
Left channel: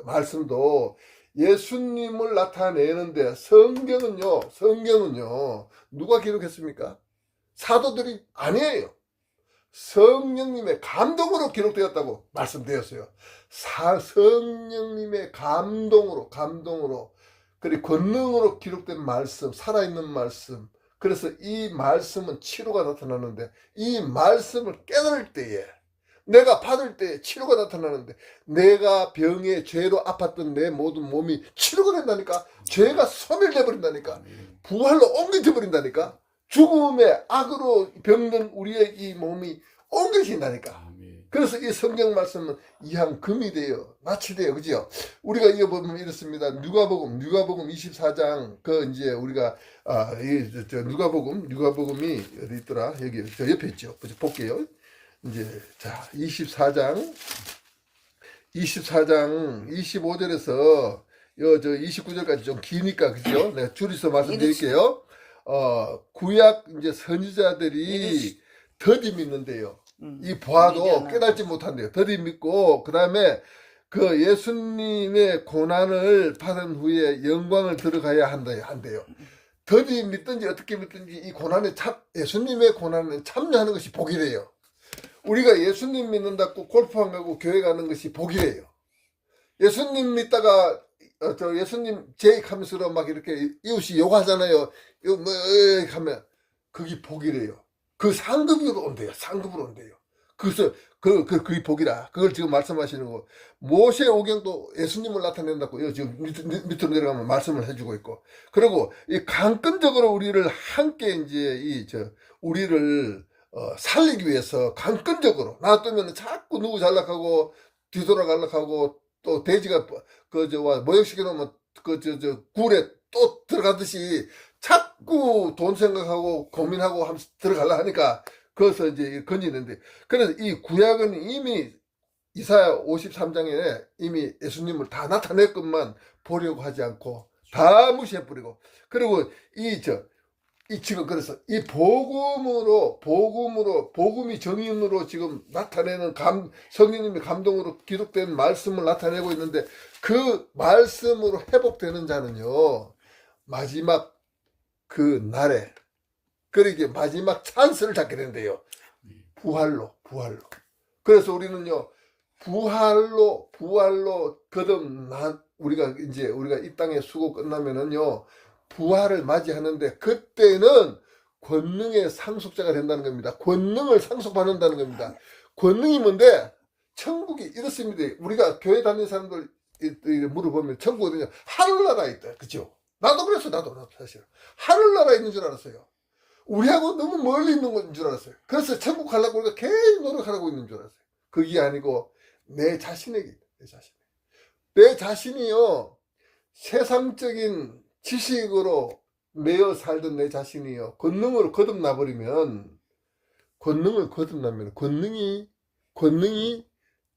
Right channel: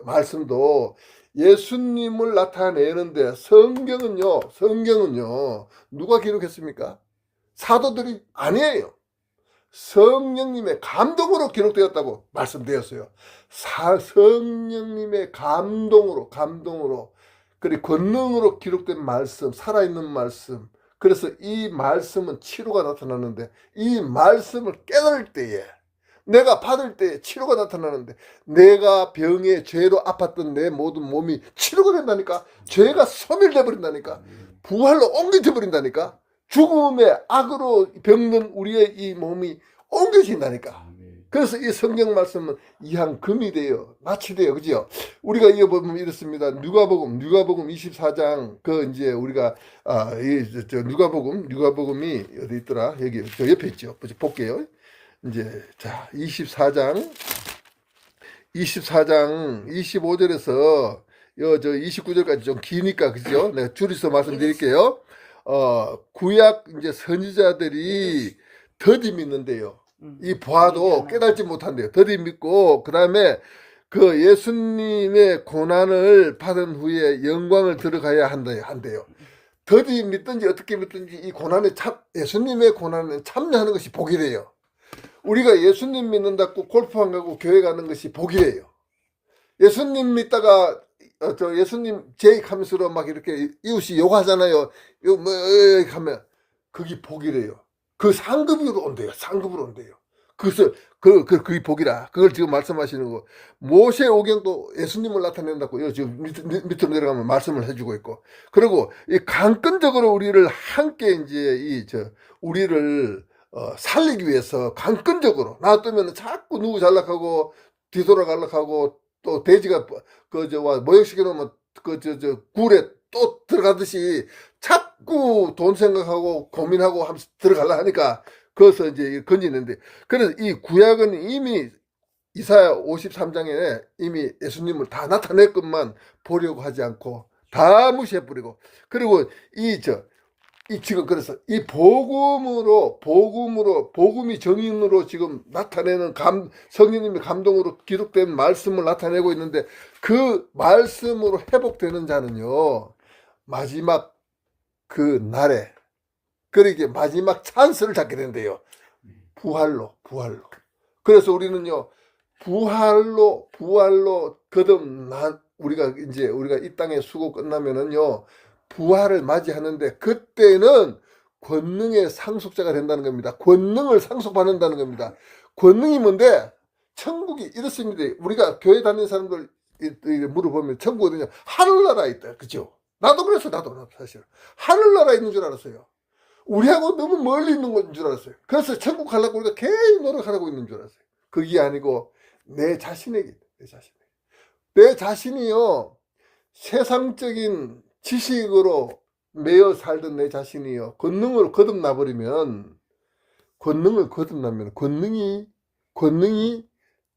말씀도 예수님을 나타내는데 성경은요 누가 기록했습니까? 사도들이 아니에요. 성령님의 감동으로 기록되었다고 말씀되었어요. 성령님의 감동으로 그리고 권능으로 기록된 말씀, 살아있는 말씀. 그래서 이 말씀은 치료가 나타나는데 이 말씀을 깨달을 때에 내가 받을 때에 치료가 나타나는데 내가 병에 죄로 아팠던 내 모든 몸이 치료가 된다니까. 죄가 소멸돼 버린다니까. 부활로 옮겨져 버린다니까. 죽음의 악으로 병든 우리의 이 몸이 옮겨진다니까. 그래서 이 성경 말씀은 이항금이 돼요. 낯이 돼요. 그죠? 우리가 이거 보면 이렇습니다. 누가복음 24장, 이제 우리가, 누가복음이 어디 있더라? 여기, 저 옆에 있죠. 볼게요. 이제, 자, 24장 25절에서, 29절까지 좀 기니까, 그죠? 내가 줄여서 말씀드릴게요. 구약 이제 선지자들이 더디 믿는데요. 이 보아도 깨닫지 못한대요. 더디 믿고, 그 다음에 그 예수님의 고난을 받은 후에 영광을 들어가야 한대요. 더디 믿든지 어떻게 믿든지 이 고난에 예수님의 고난에 참여하는 것이 복이래요. 우리가 예수님 믿는다고 골프장 가고 교회 가는 것이 복이래요. 예수님 믿다가 예수님 제익하면서 막 이렇게 이웃이 욕하잖아요. 이거 뭐 하면 그게 복이래요. 그 상급으로 온대요. 상급으로 온대요. 그래서 그게 복이라. 그걸 지금 말씀하시는 거. 모세 오경도 예수님을 나타낸다고 지금 밑으로 내려가면 말씀을 해주고 있고. 그리고 이 강권적으로 우리를 함께 이제 우리를 살리기 위해서 강권적으로 놔두면 자꾸 누구 잘락하고 뒤돌아갈락하고 또 돼지가 모욕시켜 놓으면 굴에 또 들어가듯이 자꾸 돈 생각하고 고민하고 하면서 들어가려 하니까 그래서 이제 건지는데, 그래서 이 구약은 이미 이사야 53장에 이미 예수님을 다 나타냈건만 보려고 하지 않고 다 무시해버리고, 그리고 지금 그래서 이 복음이 정인으로 지금 나타내는 성령님의 감동으로 기록된 말씀을 나타내고 있는데, 그 말씀으로 회복되는 자는요, 마지막 그 날에, 그러게 마지막 찬스를 잡게 된대요. 부활로. 그래서 우리는요, 부활로 우리가 이 땅의 수고 끝나면은요, 부활을 맞이하는데, 그때는 권능의 상속자가 된다는 겁니다. 권능을 상속받는다는 겁니다. 권능이 뭔데? 천국이 이렇습니다. 우리가 교회 다니는 사람들 물어보면 천국 어디냐? 하늘나라에 있다. 그죠? 나도 그랬어. 나도 사실. 하늘나라에 있는 줄 알았어요. 우리하고 너무 멀리 있는 건 줄 알았어요. 그래서 천국 가려고 우리가 계속 노력하고 있는 줄 알았어요. 그게 아니고 내 자신에게 있다. 내 자신에게. 내 자신이요. 세상적인 지식으로 매여 살던 내 자신이요. 권능으로 거듭나버리면 권능이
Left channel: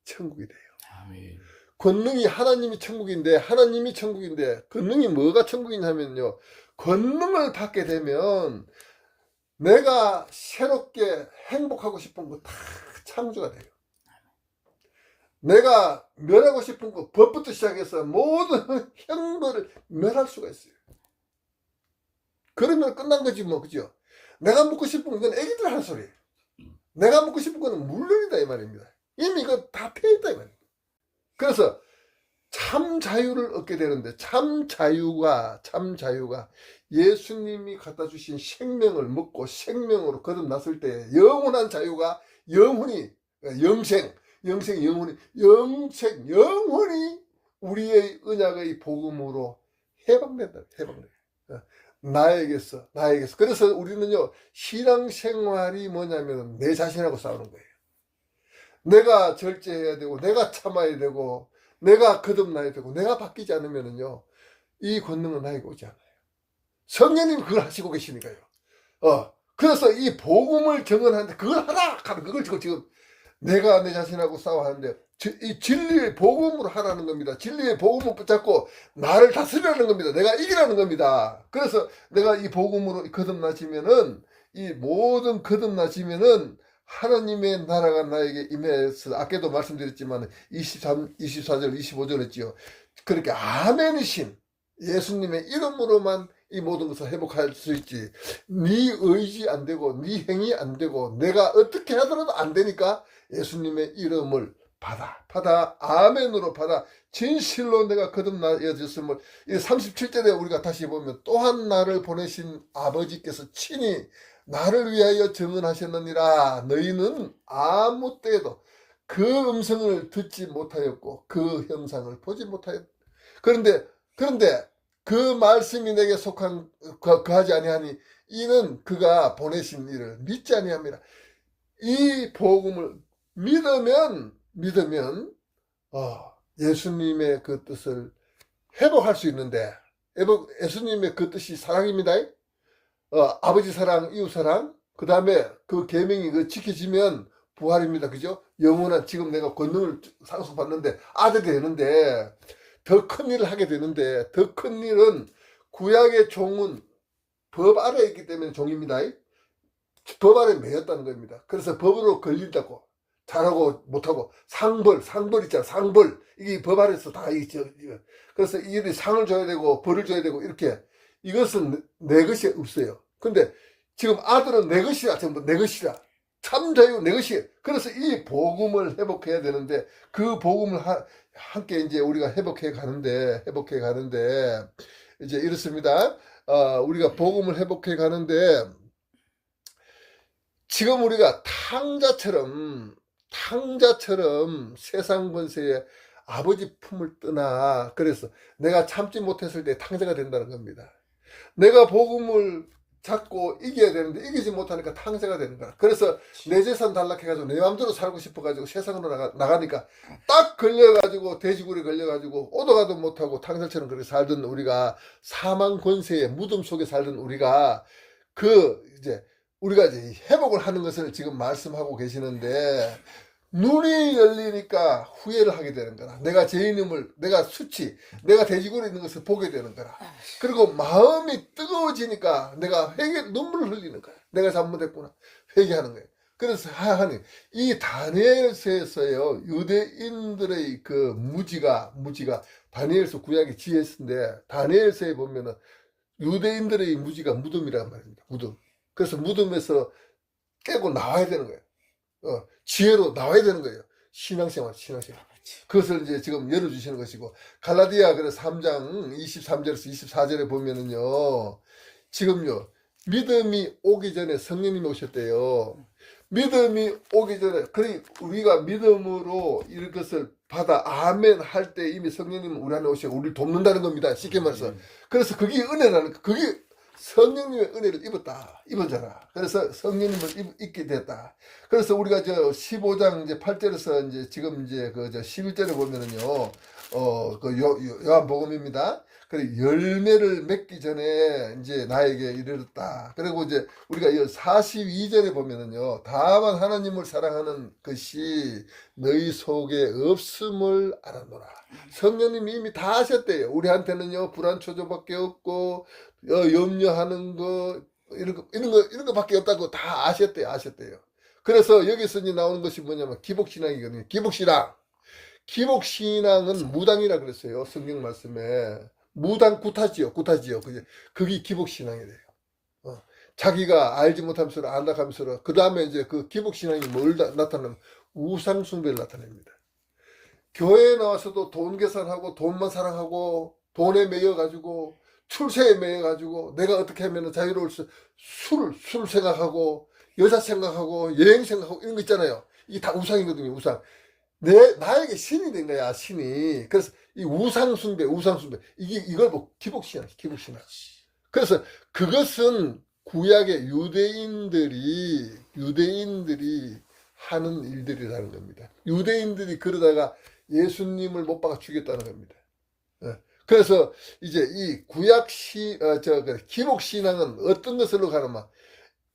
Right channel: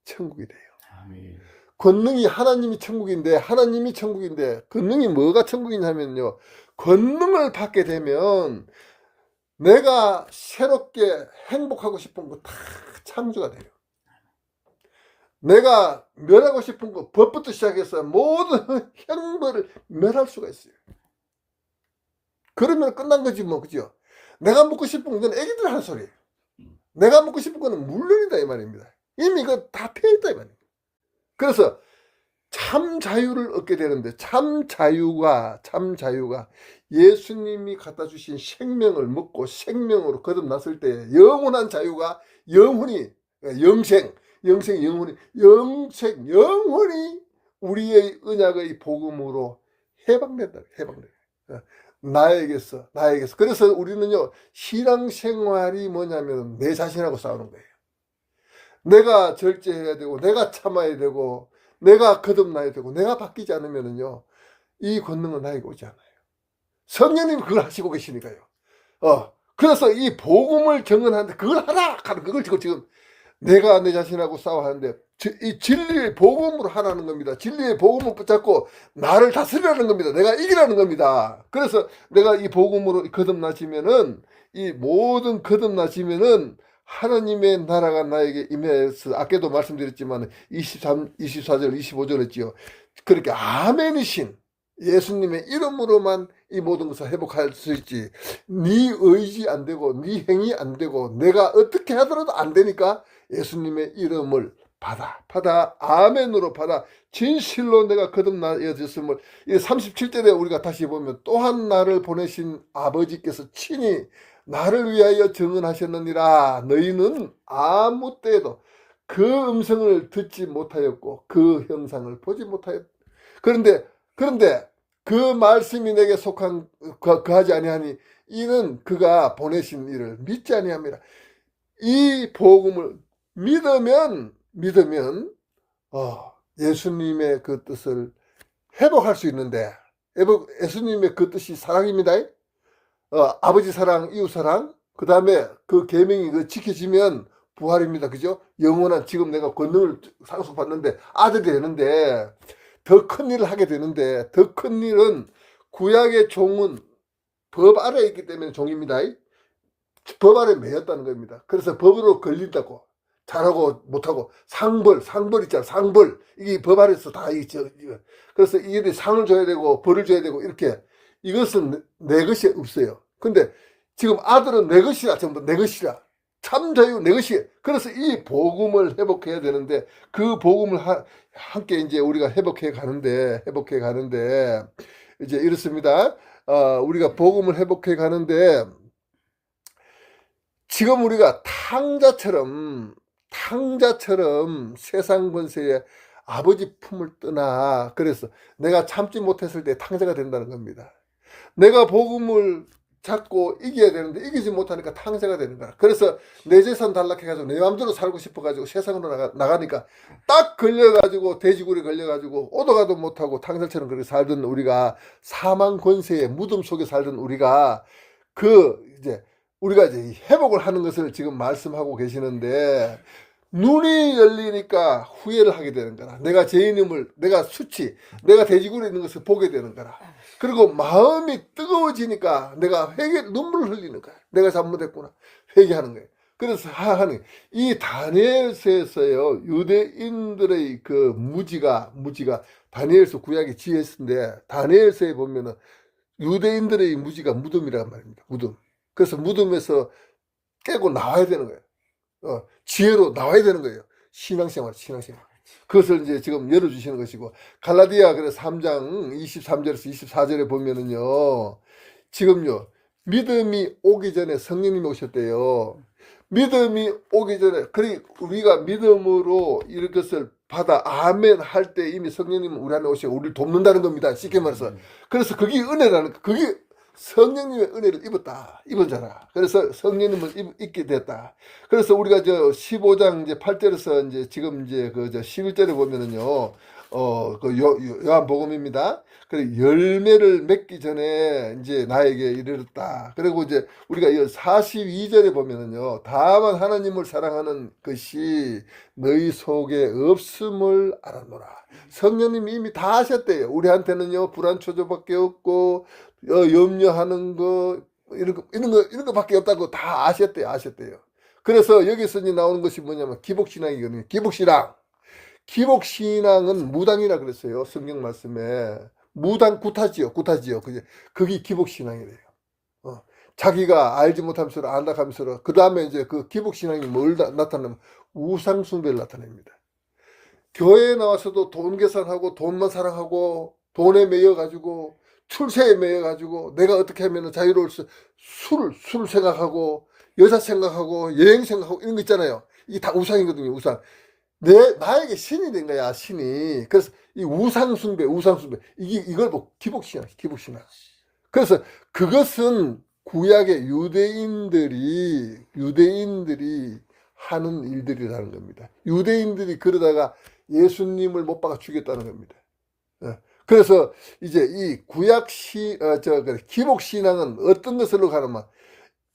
천국이 돼요. 아멘. 권능이 하나님이 천국인데 권능이 뭐가 천국이냐면요. 권능을 받게 되면 내가 새롭게 행복하고 싶은 거 다 창조가 돼요. 내가 멸하고 싶은 거 법부터 시작해서 모든 형벌을 멸할 수가 있어요. 그러면 끝난 거지 뭐. 그죠? 내가 묻고 싶은 건 애기들 하는 소리예요. 내가 묻고 싶은 거는 물론이다 이 말입니다. 이미 이거 다 패했다 이 말입니다. 그래서 참 자유를 얻게 되는데 참 자유가 예수님이 갖다 주신 생명을 먹고 생명으로 거듭났을 때 영원한 자유가 영원히 우리의 언약의 복음으로 해방된다. 나에게서. 그래서 우리는요, 신앙생활이 뭐냐면 내 자신하고 싸우는 거예요. 내가 절제해야 되고, 내가 참아야 되고, 내가 거듭나야 되고, 내가 바뀌지 않으면은요, 이 권능은 나에게 오지 않아요. 성령님이 그걸 하시고 계시니까요. 그래서 이 복음을 정언하는데 그걸 하라! 하는 그걸 지금 내가 내 자신하고 싸워하는데 이 진리의 복음으로 하라는 겁니다. 진리의 복음을 붙잡고 나를 다스리라는 겁니다. 내가 이기라는 겁니다. 그래서 내가 이 복음으로 거듭나지면은 이 모든 거듭나지면은 하나님의 나라가 나에게 임해서 아까도 말씀드렸지만 24절 25절 했지요. 그렇게 아멘이신 예수님의 이름으로만 이 모든 것을 회복할 수 있지. 네 의지 안 되고 네 행위 안 되고 내가 어떻게 하더라도 안 되니까 예수님의 이름을 받아 아멘으로 받아 진실로 내가 거듭나였음을. 이 37절에 우리가 다시 보면 또한 나를 보내신 아버지께서 친히 나를 위하여 증언하셨느니라. 너희는 아무 때에도 그 음성을 듣지 못하였고 그 형상을 보지 못하였다. 그런데 그 말씀이 내게 속한 그하지 아니하니 이는 그가 보내신 이를 믿지 아니함이라. 이 복음을 믿으면 예수님의 그 뜻을 회복할 수 있는데 예수님의 그 뜻이 사랑입니다. 아버지 사랑, 이웃 사랑, 그 다음에 그 계명이 그 지켜지면 부활입니다. 그죠? 영원한 지금 내가 권능을 상속받는데 아들이 되는데 더 큰 일을 하게 되는데 더 큰 일은 구약의 종은 법 아래에 있기 때문에 종입니다. 법 아래에 매였다는 겁니다. 그래서 법으로 걸린다고 잘하고 못하고 상벌 있잖아. 상벌 이게 법 아래에서 다 있죠. 그래서 이들이 상을 줘야 되고 벌을 줘야 되고 이렇게 이것은 내 것이 없어요. 근데 지금 아들은 내 것이라 전부 내 것이라 참 자유 내 것이. 그래서 이 복음을 회복해야 되는데 그 복음을 함께 이제 우리가 회복해 가는데 이제 이렇습니다. 우리가 복음을 회복해 가는데 지금 우리가 탕자처럼 세상 권세의 아버지 품을 떠나. 그래서 내가 참지 못했을 때 탕자가 된다는 겁니다. 내가 복음을 잡고 이겨야 되는데 이기지 못하니까 탕자가 되는 거야. 그래서 내 재산 단락해가지고 내 마음대로 살고 싶어가지고 세상으로 나가니까 딱 걸려가지고 돼지굴에 걸려가지고 오도가도 못하고 탕자처럼 그렇게 살던 우리가 사망 권세의 무덤 속에 살던 우리가 우리가 이제 회복을 하는 것을 지금 말씀하고 계시는데 눈이 열리니까 후회를 하게 되는 거라. 내가 죄인임을, 내가 내가 돼지굴에 있는 것을 보게 되는 거라. 그리고 마음이 뜨거워지니까 내가 눈물을 흘리는 거야. 내가 잘못했구나. 회개하는 거예요. 그래서 하나님, 이 다니엘서에서요, 유대인들의 그 무지가 다니엘서 구약의 지혜인데, 다니엘서에 보면은 유대인들의 무지가 무덤이란 말입니다. 무덤. 그래서 무덤에서 깨고 나와야 되는 거예요. 지혜로 나와야 되는 거예요. 신앙생활. 그것을 이제 지금 열어주시는 것이고, 갈라디아 그래 3장 23절에서 24절에 보면은요, 지금요, 믿음이 오기 전에 성령님이 오셨대요. 믿음이 오기 전에, 그래, 우리가 믿음으로 이것을 받아, 아멘 할 때 이미 성령님은 우리 안에 오시고 우리를 돕는다는 겁니다. 쉽게 말해서. 그래서 그게 은혜라는, 그게 성령님의 은혜를 입었잖아. 그래서 성령님을 입게 됐다. 그래서 우리가 저 15장 이제 8절에서 이제 지금 이제 그 저 11절에 보면은요, 그 요한복음입니다. 그래, 열매를 맺기 전에 이제 나에게 이르렀다. 그리고 이제 우리가 이 42절에 보면은요, 다만 하나님을 사랑하는 것이 너희 속에 없음을 알아노라. 성령님이 이미 다 하셨대요. 우리한테는요, 불안 초조밖에 없고, 염려하는 거, 이런 거밖에 없다고 다 아셨대요. 그래서 여기서 이제 나오는 것이 뭐냐면 기복신앙이거든요. 기복신앙은 무당이라 그랬어요. 성경 말씀에. 무당 구타지요. 그게 기복신앙이래요. 자기가 알지 못하면서 안다 하면서 그 다음에 이제 그 기복신앙이 뭘 나타내면 우상숭배를 나타냅니다. 교회에 나와서도 돈 계산하고 돈만 사랑하고 돈에 매여가지고 출세에 매여가지고 내가 어떻게 하면 자유로울 수, 술 생각하고 여자 생각하고 여행 생각하고 이런 거 있잖아요. 이게 다 우상이거든요. 우상. 나에게 신이 된 거야, 신이. 그래서 이 우상숭배. 이걸 뭐 기복신앙. 그래서 그것은 구약의 유대인들이 하는 일들이라는 겁니다. 유대인들이 그러다가 예수님을 못 박아 죽였다는 겁니다. 그래서 이제 이 기복신앙은 어떤 것으로 가느냐.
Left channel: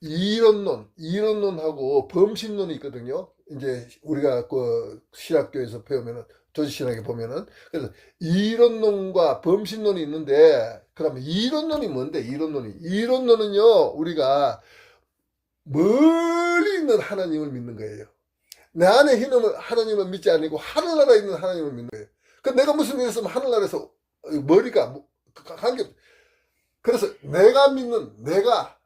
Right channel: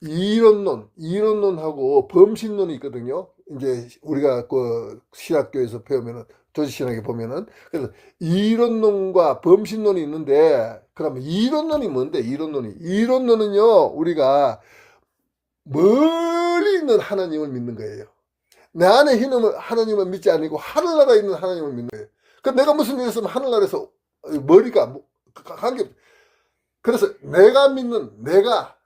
이론론하고 범신론이 있거든요. 이제 우리가 그 신학교에서 배우면은, 조지신학에 보면은. 그래서 이론론과 범신론이 있는데, 그러면 이론론이 뭔데, 이론론은요, 우리가 멀리 있는 하나님을 믿는 거예요. 내 안에 있는 하나님을 믿지 않고 하늘나라에 있는 하나님을 믿는 거예요. 그 내가 무슨 일 있으면 하늘나라에서 머리가 관계. 그래서 내가 믿는, 내가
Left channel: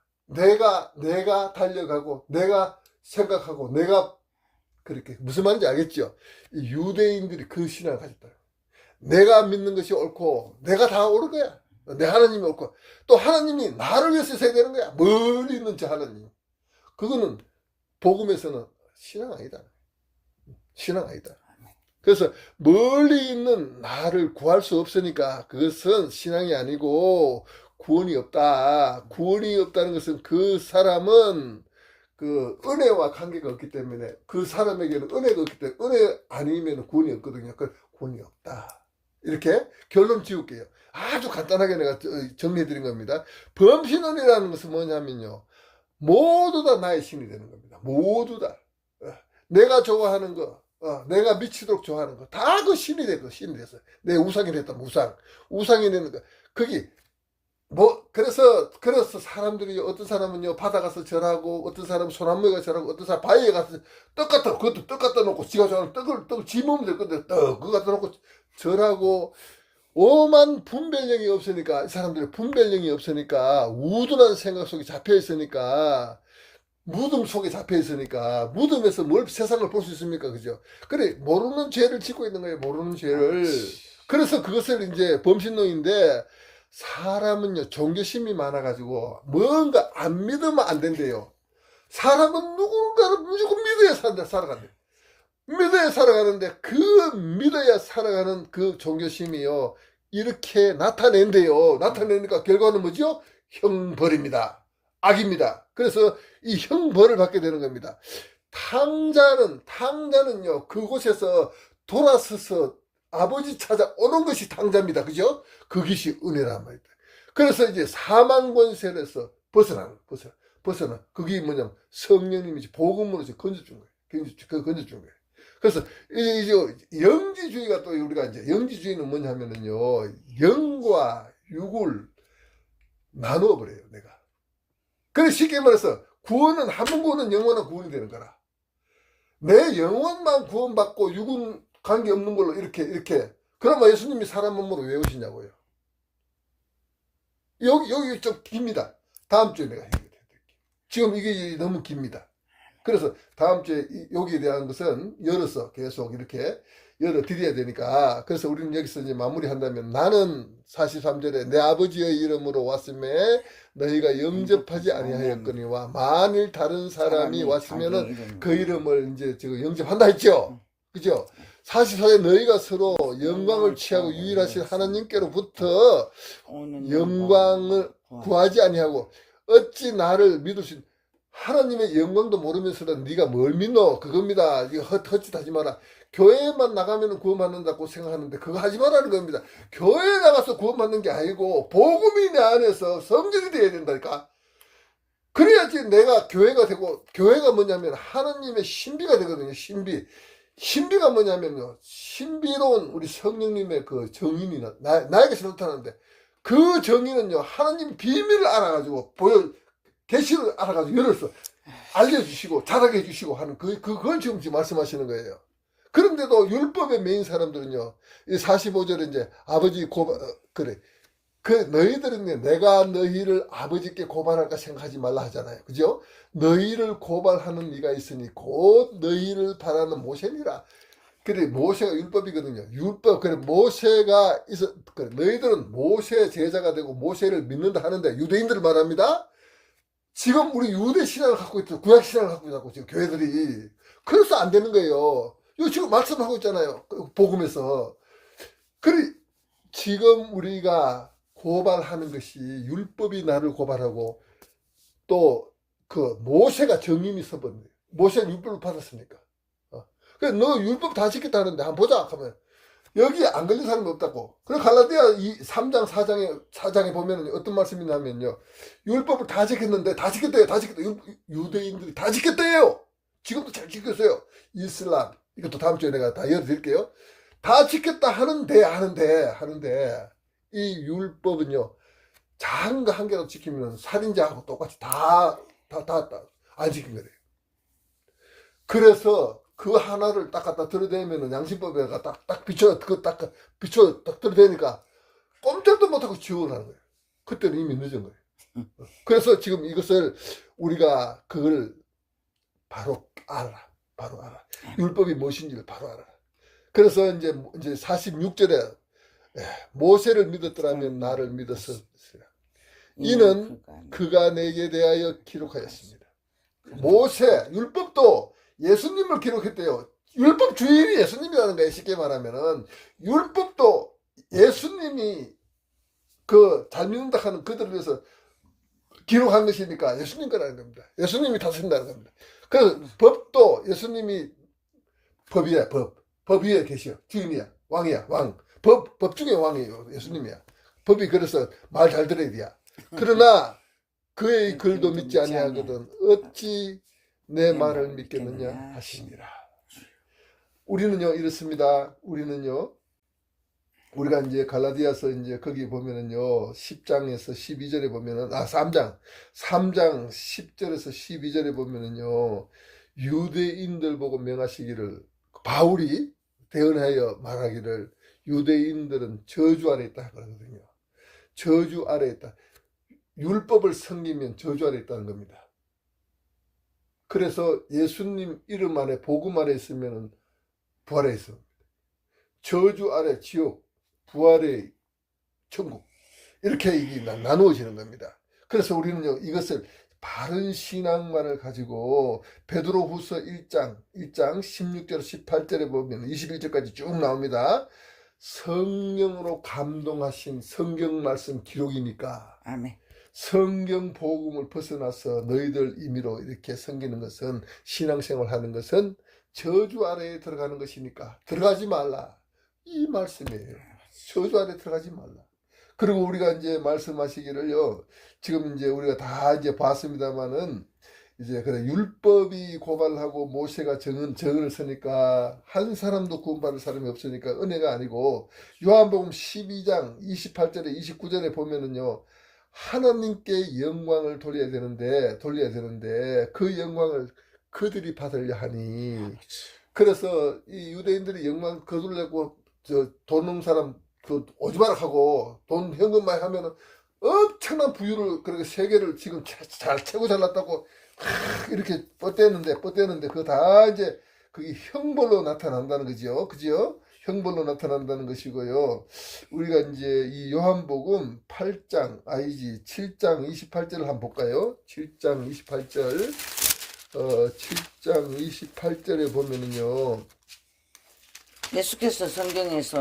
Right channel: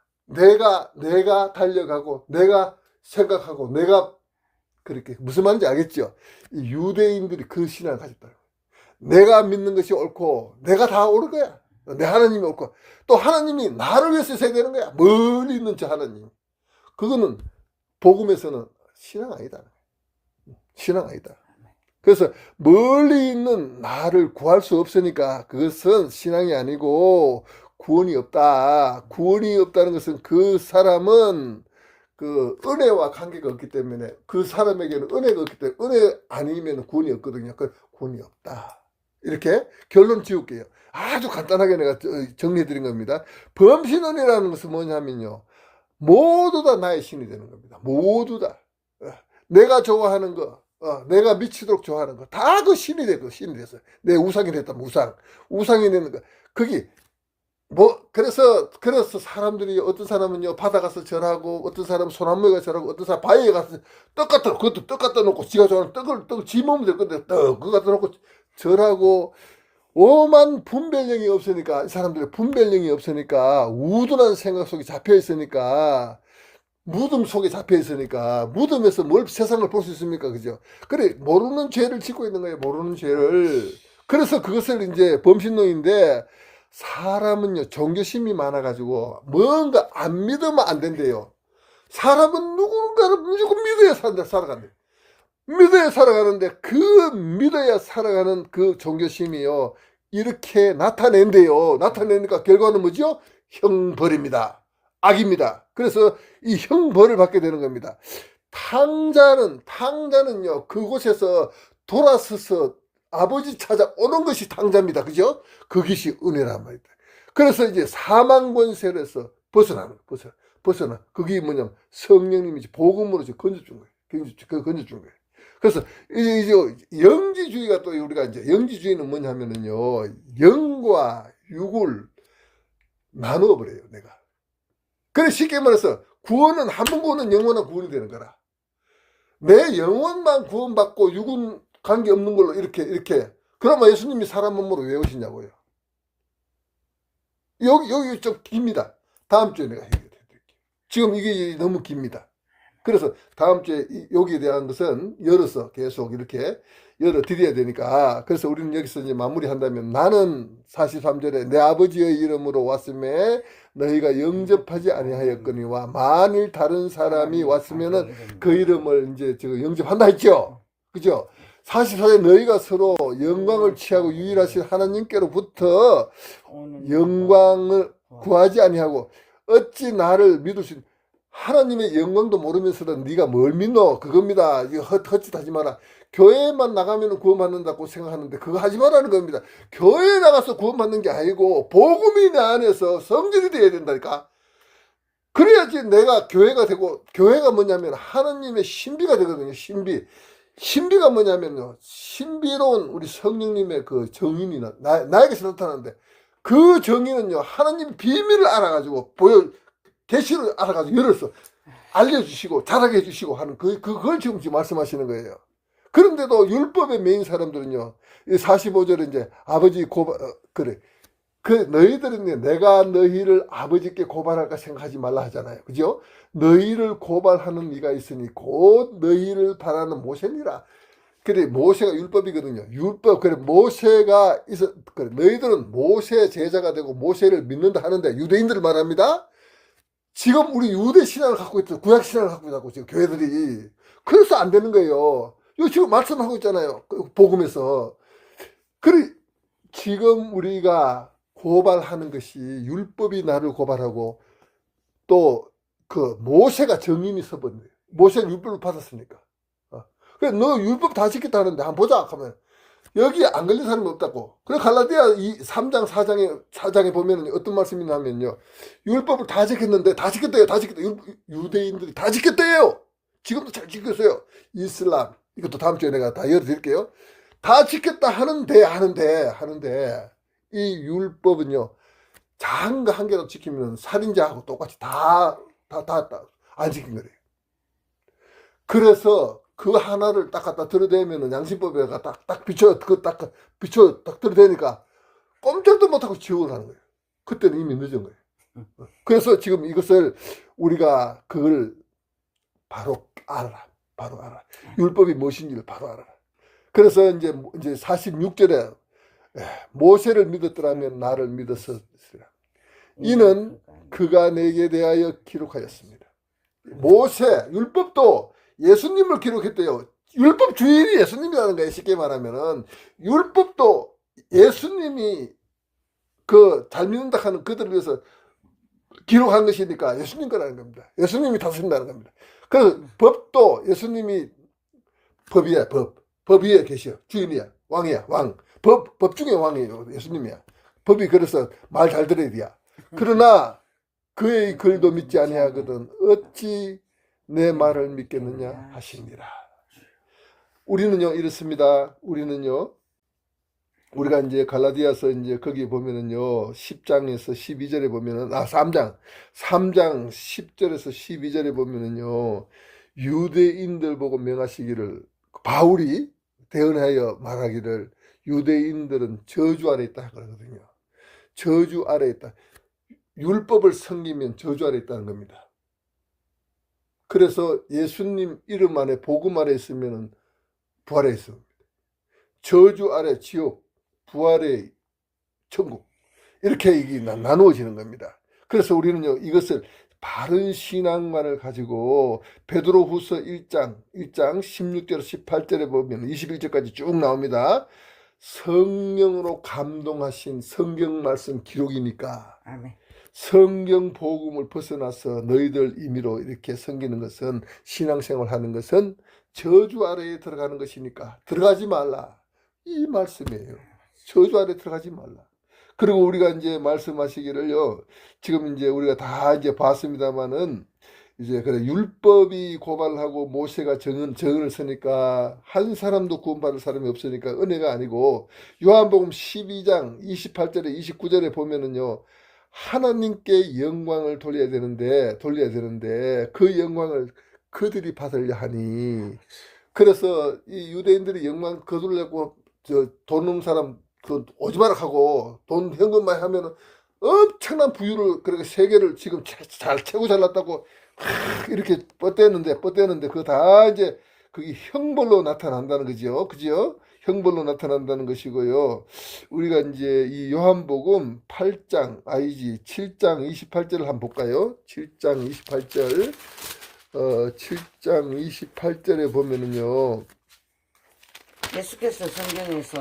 달려가고, 내가 생각하고, 내가 그렇게, 무슨 말인지 알겠죠? 이 유대인들이 그 신앙을 가졌다. 내가 믿는 것이 옳고, 내가 다 옳은 거야. 내 하나님이 옳고, 또 하나님이 나를 위해서 있어야 되는 거야. 멀리 있는 저 하나님. 그거는 복음에서는 신앙 아니다. 그래서 멀리 있는 나를 구할 수 없으니까 그것은 신앙이 아니고 구원이 없다. 구원이 없다는 것은 그 사람은 그 은혜와 관계가 없기 때문에, 그 사람에게는 은혜가 없기 때문에, 은혜 아니면 구원이 없거든요. 그 구원이 없다. 이렇게 결론 지을게요. 아주 간단하게 내가 정리해 드린 겁니다. 범신론이라는 것은 뭐냐면요, 모두 다 나의 신이 되는 겁니다. 모두 다. 내가 좋아하는 거, 내가 미치도록 좋아하는 거, 다 그 신이 됐어요. 내 우상이 됐다면 우상이 되는 거. 그게, 그래서 사람들이, 어떤 사람은요, 바다 가서 절하고, 어떤 사람은 소나무에 가서 절하고, 어떤 사람 바위에 가서 그것도 떡 갖다 놓고, 지가 좋아하는 떡을 집으면 될 건데, 그거 갖다 놓고 절하고, 오만 분별력이 없으니까, 이 사람들이 분별력이 없으니까, 우둔한 생각 속에 잡혀 있으니까, 무덤 속에 잡혀 있으니까, 무덤에서 뭘 세상을 볼 수 있습니까? 그죠? 그래, 모르는 죄를 짓고 있는 거예요, 모르는 죄를. 그래서 그것을 이제 범신론인데, 사람은요, 종교심이 많아가지고, 뭔가 안 믿으면 안 된대요. 사람은 누군가를 무조건 믿어야 살아간대. 믿어야 살아가는데, 그 믿어야 살아가는 그 종교심이요, 이렇게 나타낸대요. 나타내니까 결과는 뭐죠? 형벌입니다. 악입니다. 그래서 이 형벌을 받게 되는 겁니다. 탕자는요, 그곳에서 돌아서서 아버지 찾아오는 것이 탕자입니다. 그죠? 그것이 은혜란 말이다. 그래서 이제 사망 권세에서 벗어나. 그게 뭐냐면 성령님이 복음으로 건져준 거예요. 건져준 거예요. 그래서 이제 영지주의가 또 우리가 이제 영지주의는 뭐냐면은요, 영과 육을 나누어 버려요, 내가. 그래, 쉽게 말해서 구원은 한 번 구원은 영원한 구원이 되는 거라. 내 영혼만 구원받고 육은 관계없는 걸로 이렇게. 그러면 예수님이 사람 몸으로 왜 오시냐고요. 여기 좀 깁니다. 다음 주에 내가 해결해 드릴게요. 지금 이게 너무 깁니다. 그래서 다음 주에 여기에 대한 것은 열어서 계속 이렇게 열어드려야 되니까. 그래서 우리는 여기서 이제 마무리한다면, 나는 43절에 내 아버지의 이름으로 왔음에 너희가 영접하지 아니하였거니와 만일 다른 사람이 왔으면은 그 이름을 이제 지금 영접한다 했죠. 그죠? 44대 너희가 서로 영광을 취하고 유일하신 하나님께로부터 영광을 구하지 아니하고 어찌 나를 믿을 수 하나님의 영광도 모르면서도 네가 뭘 믿노? 그겁니다. 이거 헛짓하지 마라. 교회만 나가면 구원받는다고 생각하는데 그거 하지 말라는 겁니다. 교회에 나가서 구원받는 게 아니고 복음이 내 안에서 성전이 되어야 된다니까. 그래야지 내가 교회가 되고, 교회가 뭐냐면 하나님의 신비가 되거든요. 신비. 신비가 뭐냐면요, 신비로운 우리 성령님의 그 정인이 나에게서 나타나는데, 그 정인은요 하나님 비밀을 알아가지고 계시를 알아가지고 열어서 알려주시고 자라게 해주시고 하는 그걸 지금 말씀하시는 거예요. 그런데도 율법에 매인 사람들은요, 이 45절에 이제 아버지 그래. 너희들은 내가 너희를 아버지께 고발할까 생각하지 말라 하잖아요. 그죠? 너희를 고발하는 이가 있으니 곧 너희를 바라는 모세니라. 그래, 모세가 율법이거든요. 율법. 그래, 모세가 그래, 너희들은 모세 제자가 되고 모세를 믿는다 하는데, 유대인들을 말합니다. 지금 우리 유대 신앙을 갖고 있죠. 구약 신앙을 갖고 있다고 지금 교회들이. 그래서 안 되는 거예요. 이거 지금 말씀하고 있잖아요. 복음에서. 그래, 지금 우리가 고발하는 것이 율법이 나를 고발하고 또 그 모세가 정인이 서버린 거예요. 모세가 율법을 받았으니까. 그래, 너 율법 다 지켰다는데 한번 보자 하면 여기 안 걸린 사람이 없다고. 그래, 갈라디아 3장 4장에 보면 어떤 말씀이 나면요, 율법을 다 지켰는데 다 지켰대요. 다 지켰다. 유대인들이 다 지켰대요. 지금도 잘 지켰어요. 이슬람, 이것도 다음 주에 내가 다 열어드릴게요. 다 지켰다 하는데 이 율법은요, 작은 거 한 개라도 지키면 살인자하고 똑같이 다 안 지킨 거예요. 그래서 그 하나를 딱 갖다 들어대면은 양심법에 딱 비춰 들어대니까 꼼짝도 못하고 지옥을 하는 거예요. 그때는 이미 늦은 거예요. 그래서 지금 이것을 우리가 그걸 바로 알아. 율법이 무엇인지를 바로 알아. 그래서 이제 46절에 모세를 믿었더라면 나를 믿었으리라. 이는 그가 내게 대하여 기록하였습니다. 모세, 율법도 예수님을 기록했대요. 율법 주인이 예수님이라는 거예요. 쉽게 말하면은 율법도 예수님이 잘 믿는다 하는 그들을 위해서 기록한 것이니까 예수님 거라는 겁니다. 예수님이 다스린다는 겁니다. 그래서 법도 예수님이 법이야. 법 위에 계셔. 주인이야. 왕이야. 왕. 법 중에 왕이에요. 예수님이야. 법이 그래서 말 잘 들어야 돼. 그러나 그의 글도 믿지 아니하거든 어찌 내 말을 믿겠느냐 하시니라. 우리는요 이렇습니다. 우리가 이제 갈라디아서 이제 거기 보면은요 10장에서 12절에 보면은 3장 10절에서 12절에 보면은요 유대인들 보고 명하시기를, 바울이 대언하여 말하기를 유대인들은 저주 아래 있다 그러거든요. 저주 아래 있다. 율법을 섬기면 저주 아래 있다는 겁니다. 그래서 예수님 이름 안에 복음 아래 있으면 부활에 있습니다. 저주 아래 지옥, 부활의 천국, 이렇게 이게 나누어지는 겁니다. 그래서 우리는요 이것을 바른 신앙만을 가지고 베드로후서 1장 16절 18절에 보면 21절까지 쭉 나옵니다. 성령으로 감동하신 성경 말씀 기록이니까 아멘. 성경 복음을 벗어나서 너희들 임의로 이렇게 섬기는 것은, 신앙생활 하는 것은 저주 아래에 들어가는 것이니까 들어가지 말라, 이 말씀이에요. 저주 아래 들어가지 말라. 그리고 우리가 이제 말씀하시기를요, 지금 이제 우리가 다 이제 봤습니다만은 이제 그래 율법이 고발하고 모세가 정을 서니까 한 사람도 구원받을 사람이 없으니까 은혜가 아니고, 요한복음 12장 28절에 29절에 보면은요 하나님께 영광을 돌려야 되는데 그 영광을 그들이 받으려 하니, 그래서 이 유대인들이 영광 거두려고 돈 없는 사람 오지마락하고 돈 현금만 하면은 엄청난 부유를, 그렇게 세계를 지금 최고 잘났다고 이렇게 뻗대는데 그거 다 이제 그게 형벌로 나타난다는 거죠. 그죠? 형벌로 나타난다는 것이고요. 우리가 이제 이 요한복음 8장, 7장 28절을 한번 볼까요? 7장 28절. 7장 28절에 보면은요. 예수께서 성경에서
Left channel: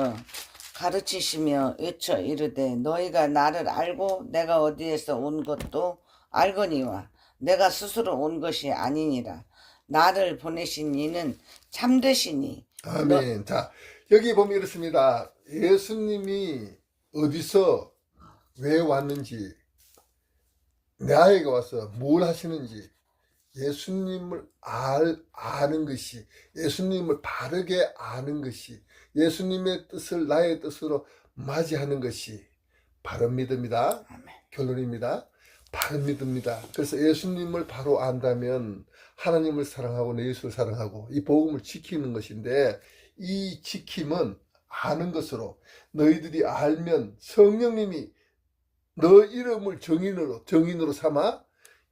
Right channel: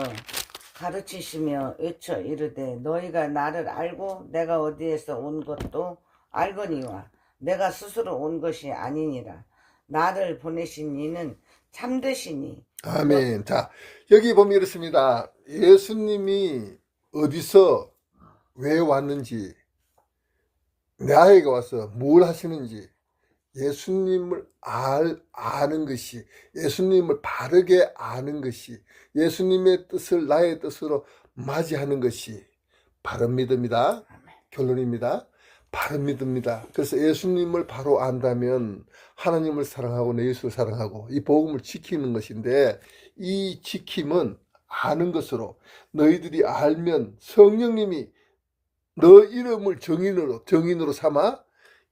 가르치시며 외쳐 이르되 너희가 나를 알고 내가 어디에서 온 것도 알거니와 내가 스스로 온 것이 아니니라. 나를 보내신 이는 참되시니. 아멘. 자, 여기 보면 이렇습니다. 예수님이 어디서 왜 왔는지, 나에게 와서 뭘 하시는지, 예수님을 아는 것이, 예수님을 바르게 아는 것이, 예수님의 뜻을 나의 뜻으로 맞이하는 것이 바른 믿음이다. 결론입니다. 바른 믿음입니다. 그래서 예수님을 바로 안다면 하나님을 사랑하고 내 예수를 사랑하고 이 복음을 지키는 것인데, 이 지킴은 아는 것으로, 너희들이 알면 성령님이 너 이름을 정인으로 삼아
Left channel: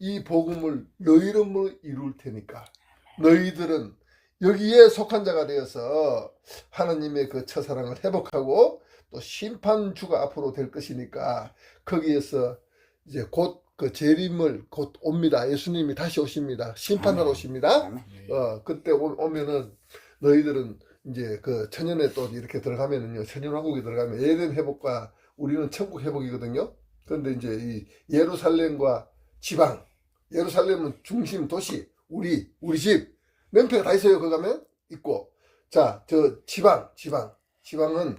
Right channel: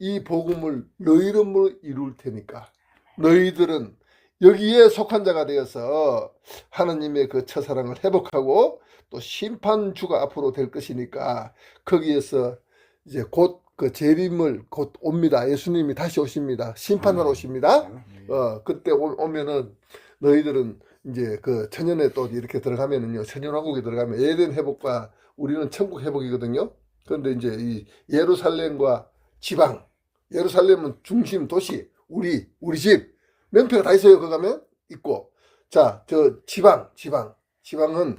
이 복음을 너 이름으로 이룰 테니까 너희들은 여기에 속한 자가 되어서 하나님의 그 첫사랑을 회복하고 또 심판주가 앞으로 될 것이니까 거기에서 이제 곧 그 재림을 곧 옵니다. 예수님이 다시 오십니다. 심판하러 오십니다. 그때 오면은 너희들은 이제 그 천년에 또 이렇게 들어가면은요, 천년왕국에 들어가면 에덴 회복과 우리는 천국 회복이거든요. 그런데 이제 이 예루살렘과 지방, 예루살렘은 중심 도시, 우리 집 명패가 다 있어요. 거기 가면 있고, 자, 저 지방은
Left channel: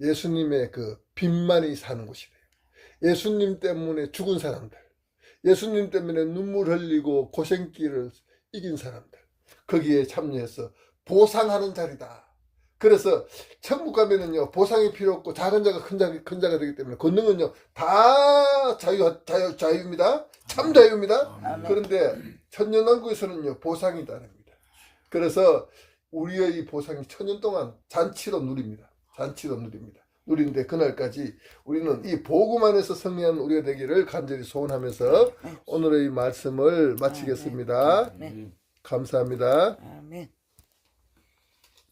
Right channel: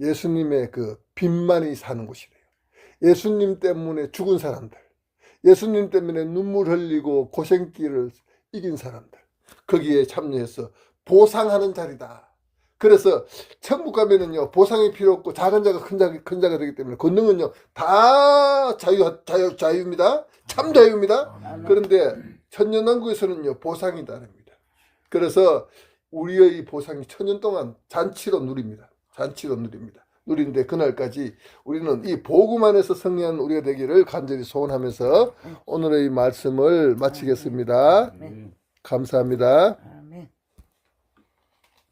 예수님의 그 빚만이 사는 곳이래요. 예수님 때문에 죽은 사람들, 예수님 때문에 눈물 흘리고 고생길을 이긴 사람들, 거기에 참여해서 보상하는 자리다. 그래서 천국 가면은요, 보상이 필요 없고 작은 자가 큰 자가 되기 때문에 권능은요 다 자유입니다. 참 자유입니다. 그런데 천년왕국에서는요 보상이 다릅니다. 그래서 우리의 이 보상이 천년 동안 잔치로 누립니다. 누리는데 그날까지 우리는 이 복음 안에서 승리한 우리가 되기를 간절히 소원하면서 오늘의 이 말씀을 마치겠습니다. 감사합니다. 아멘.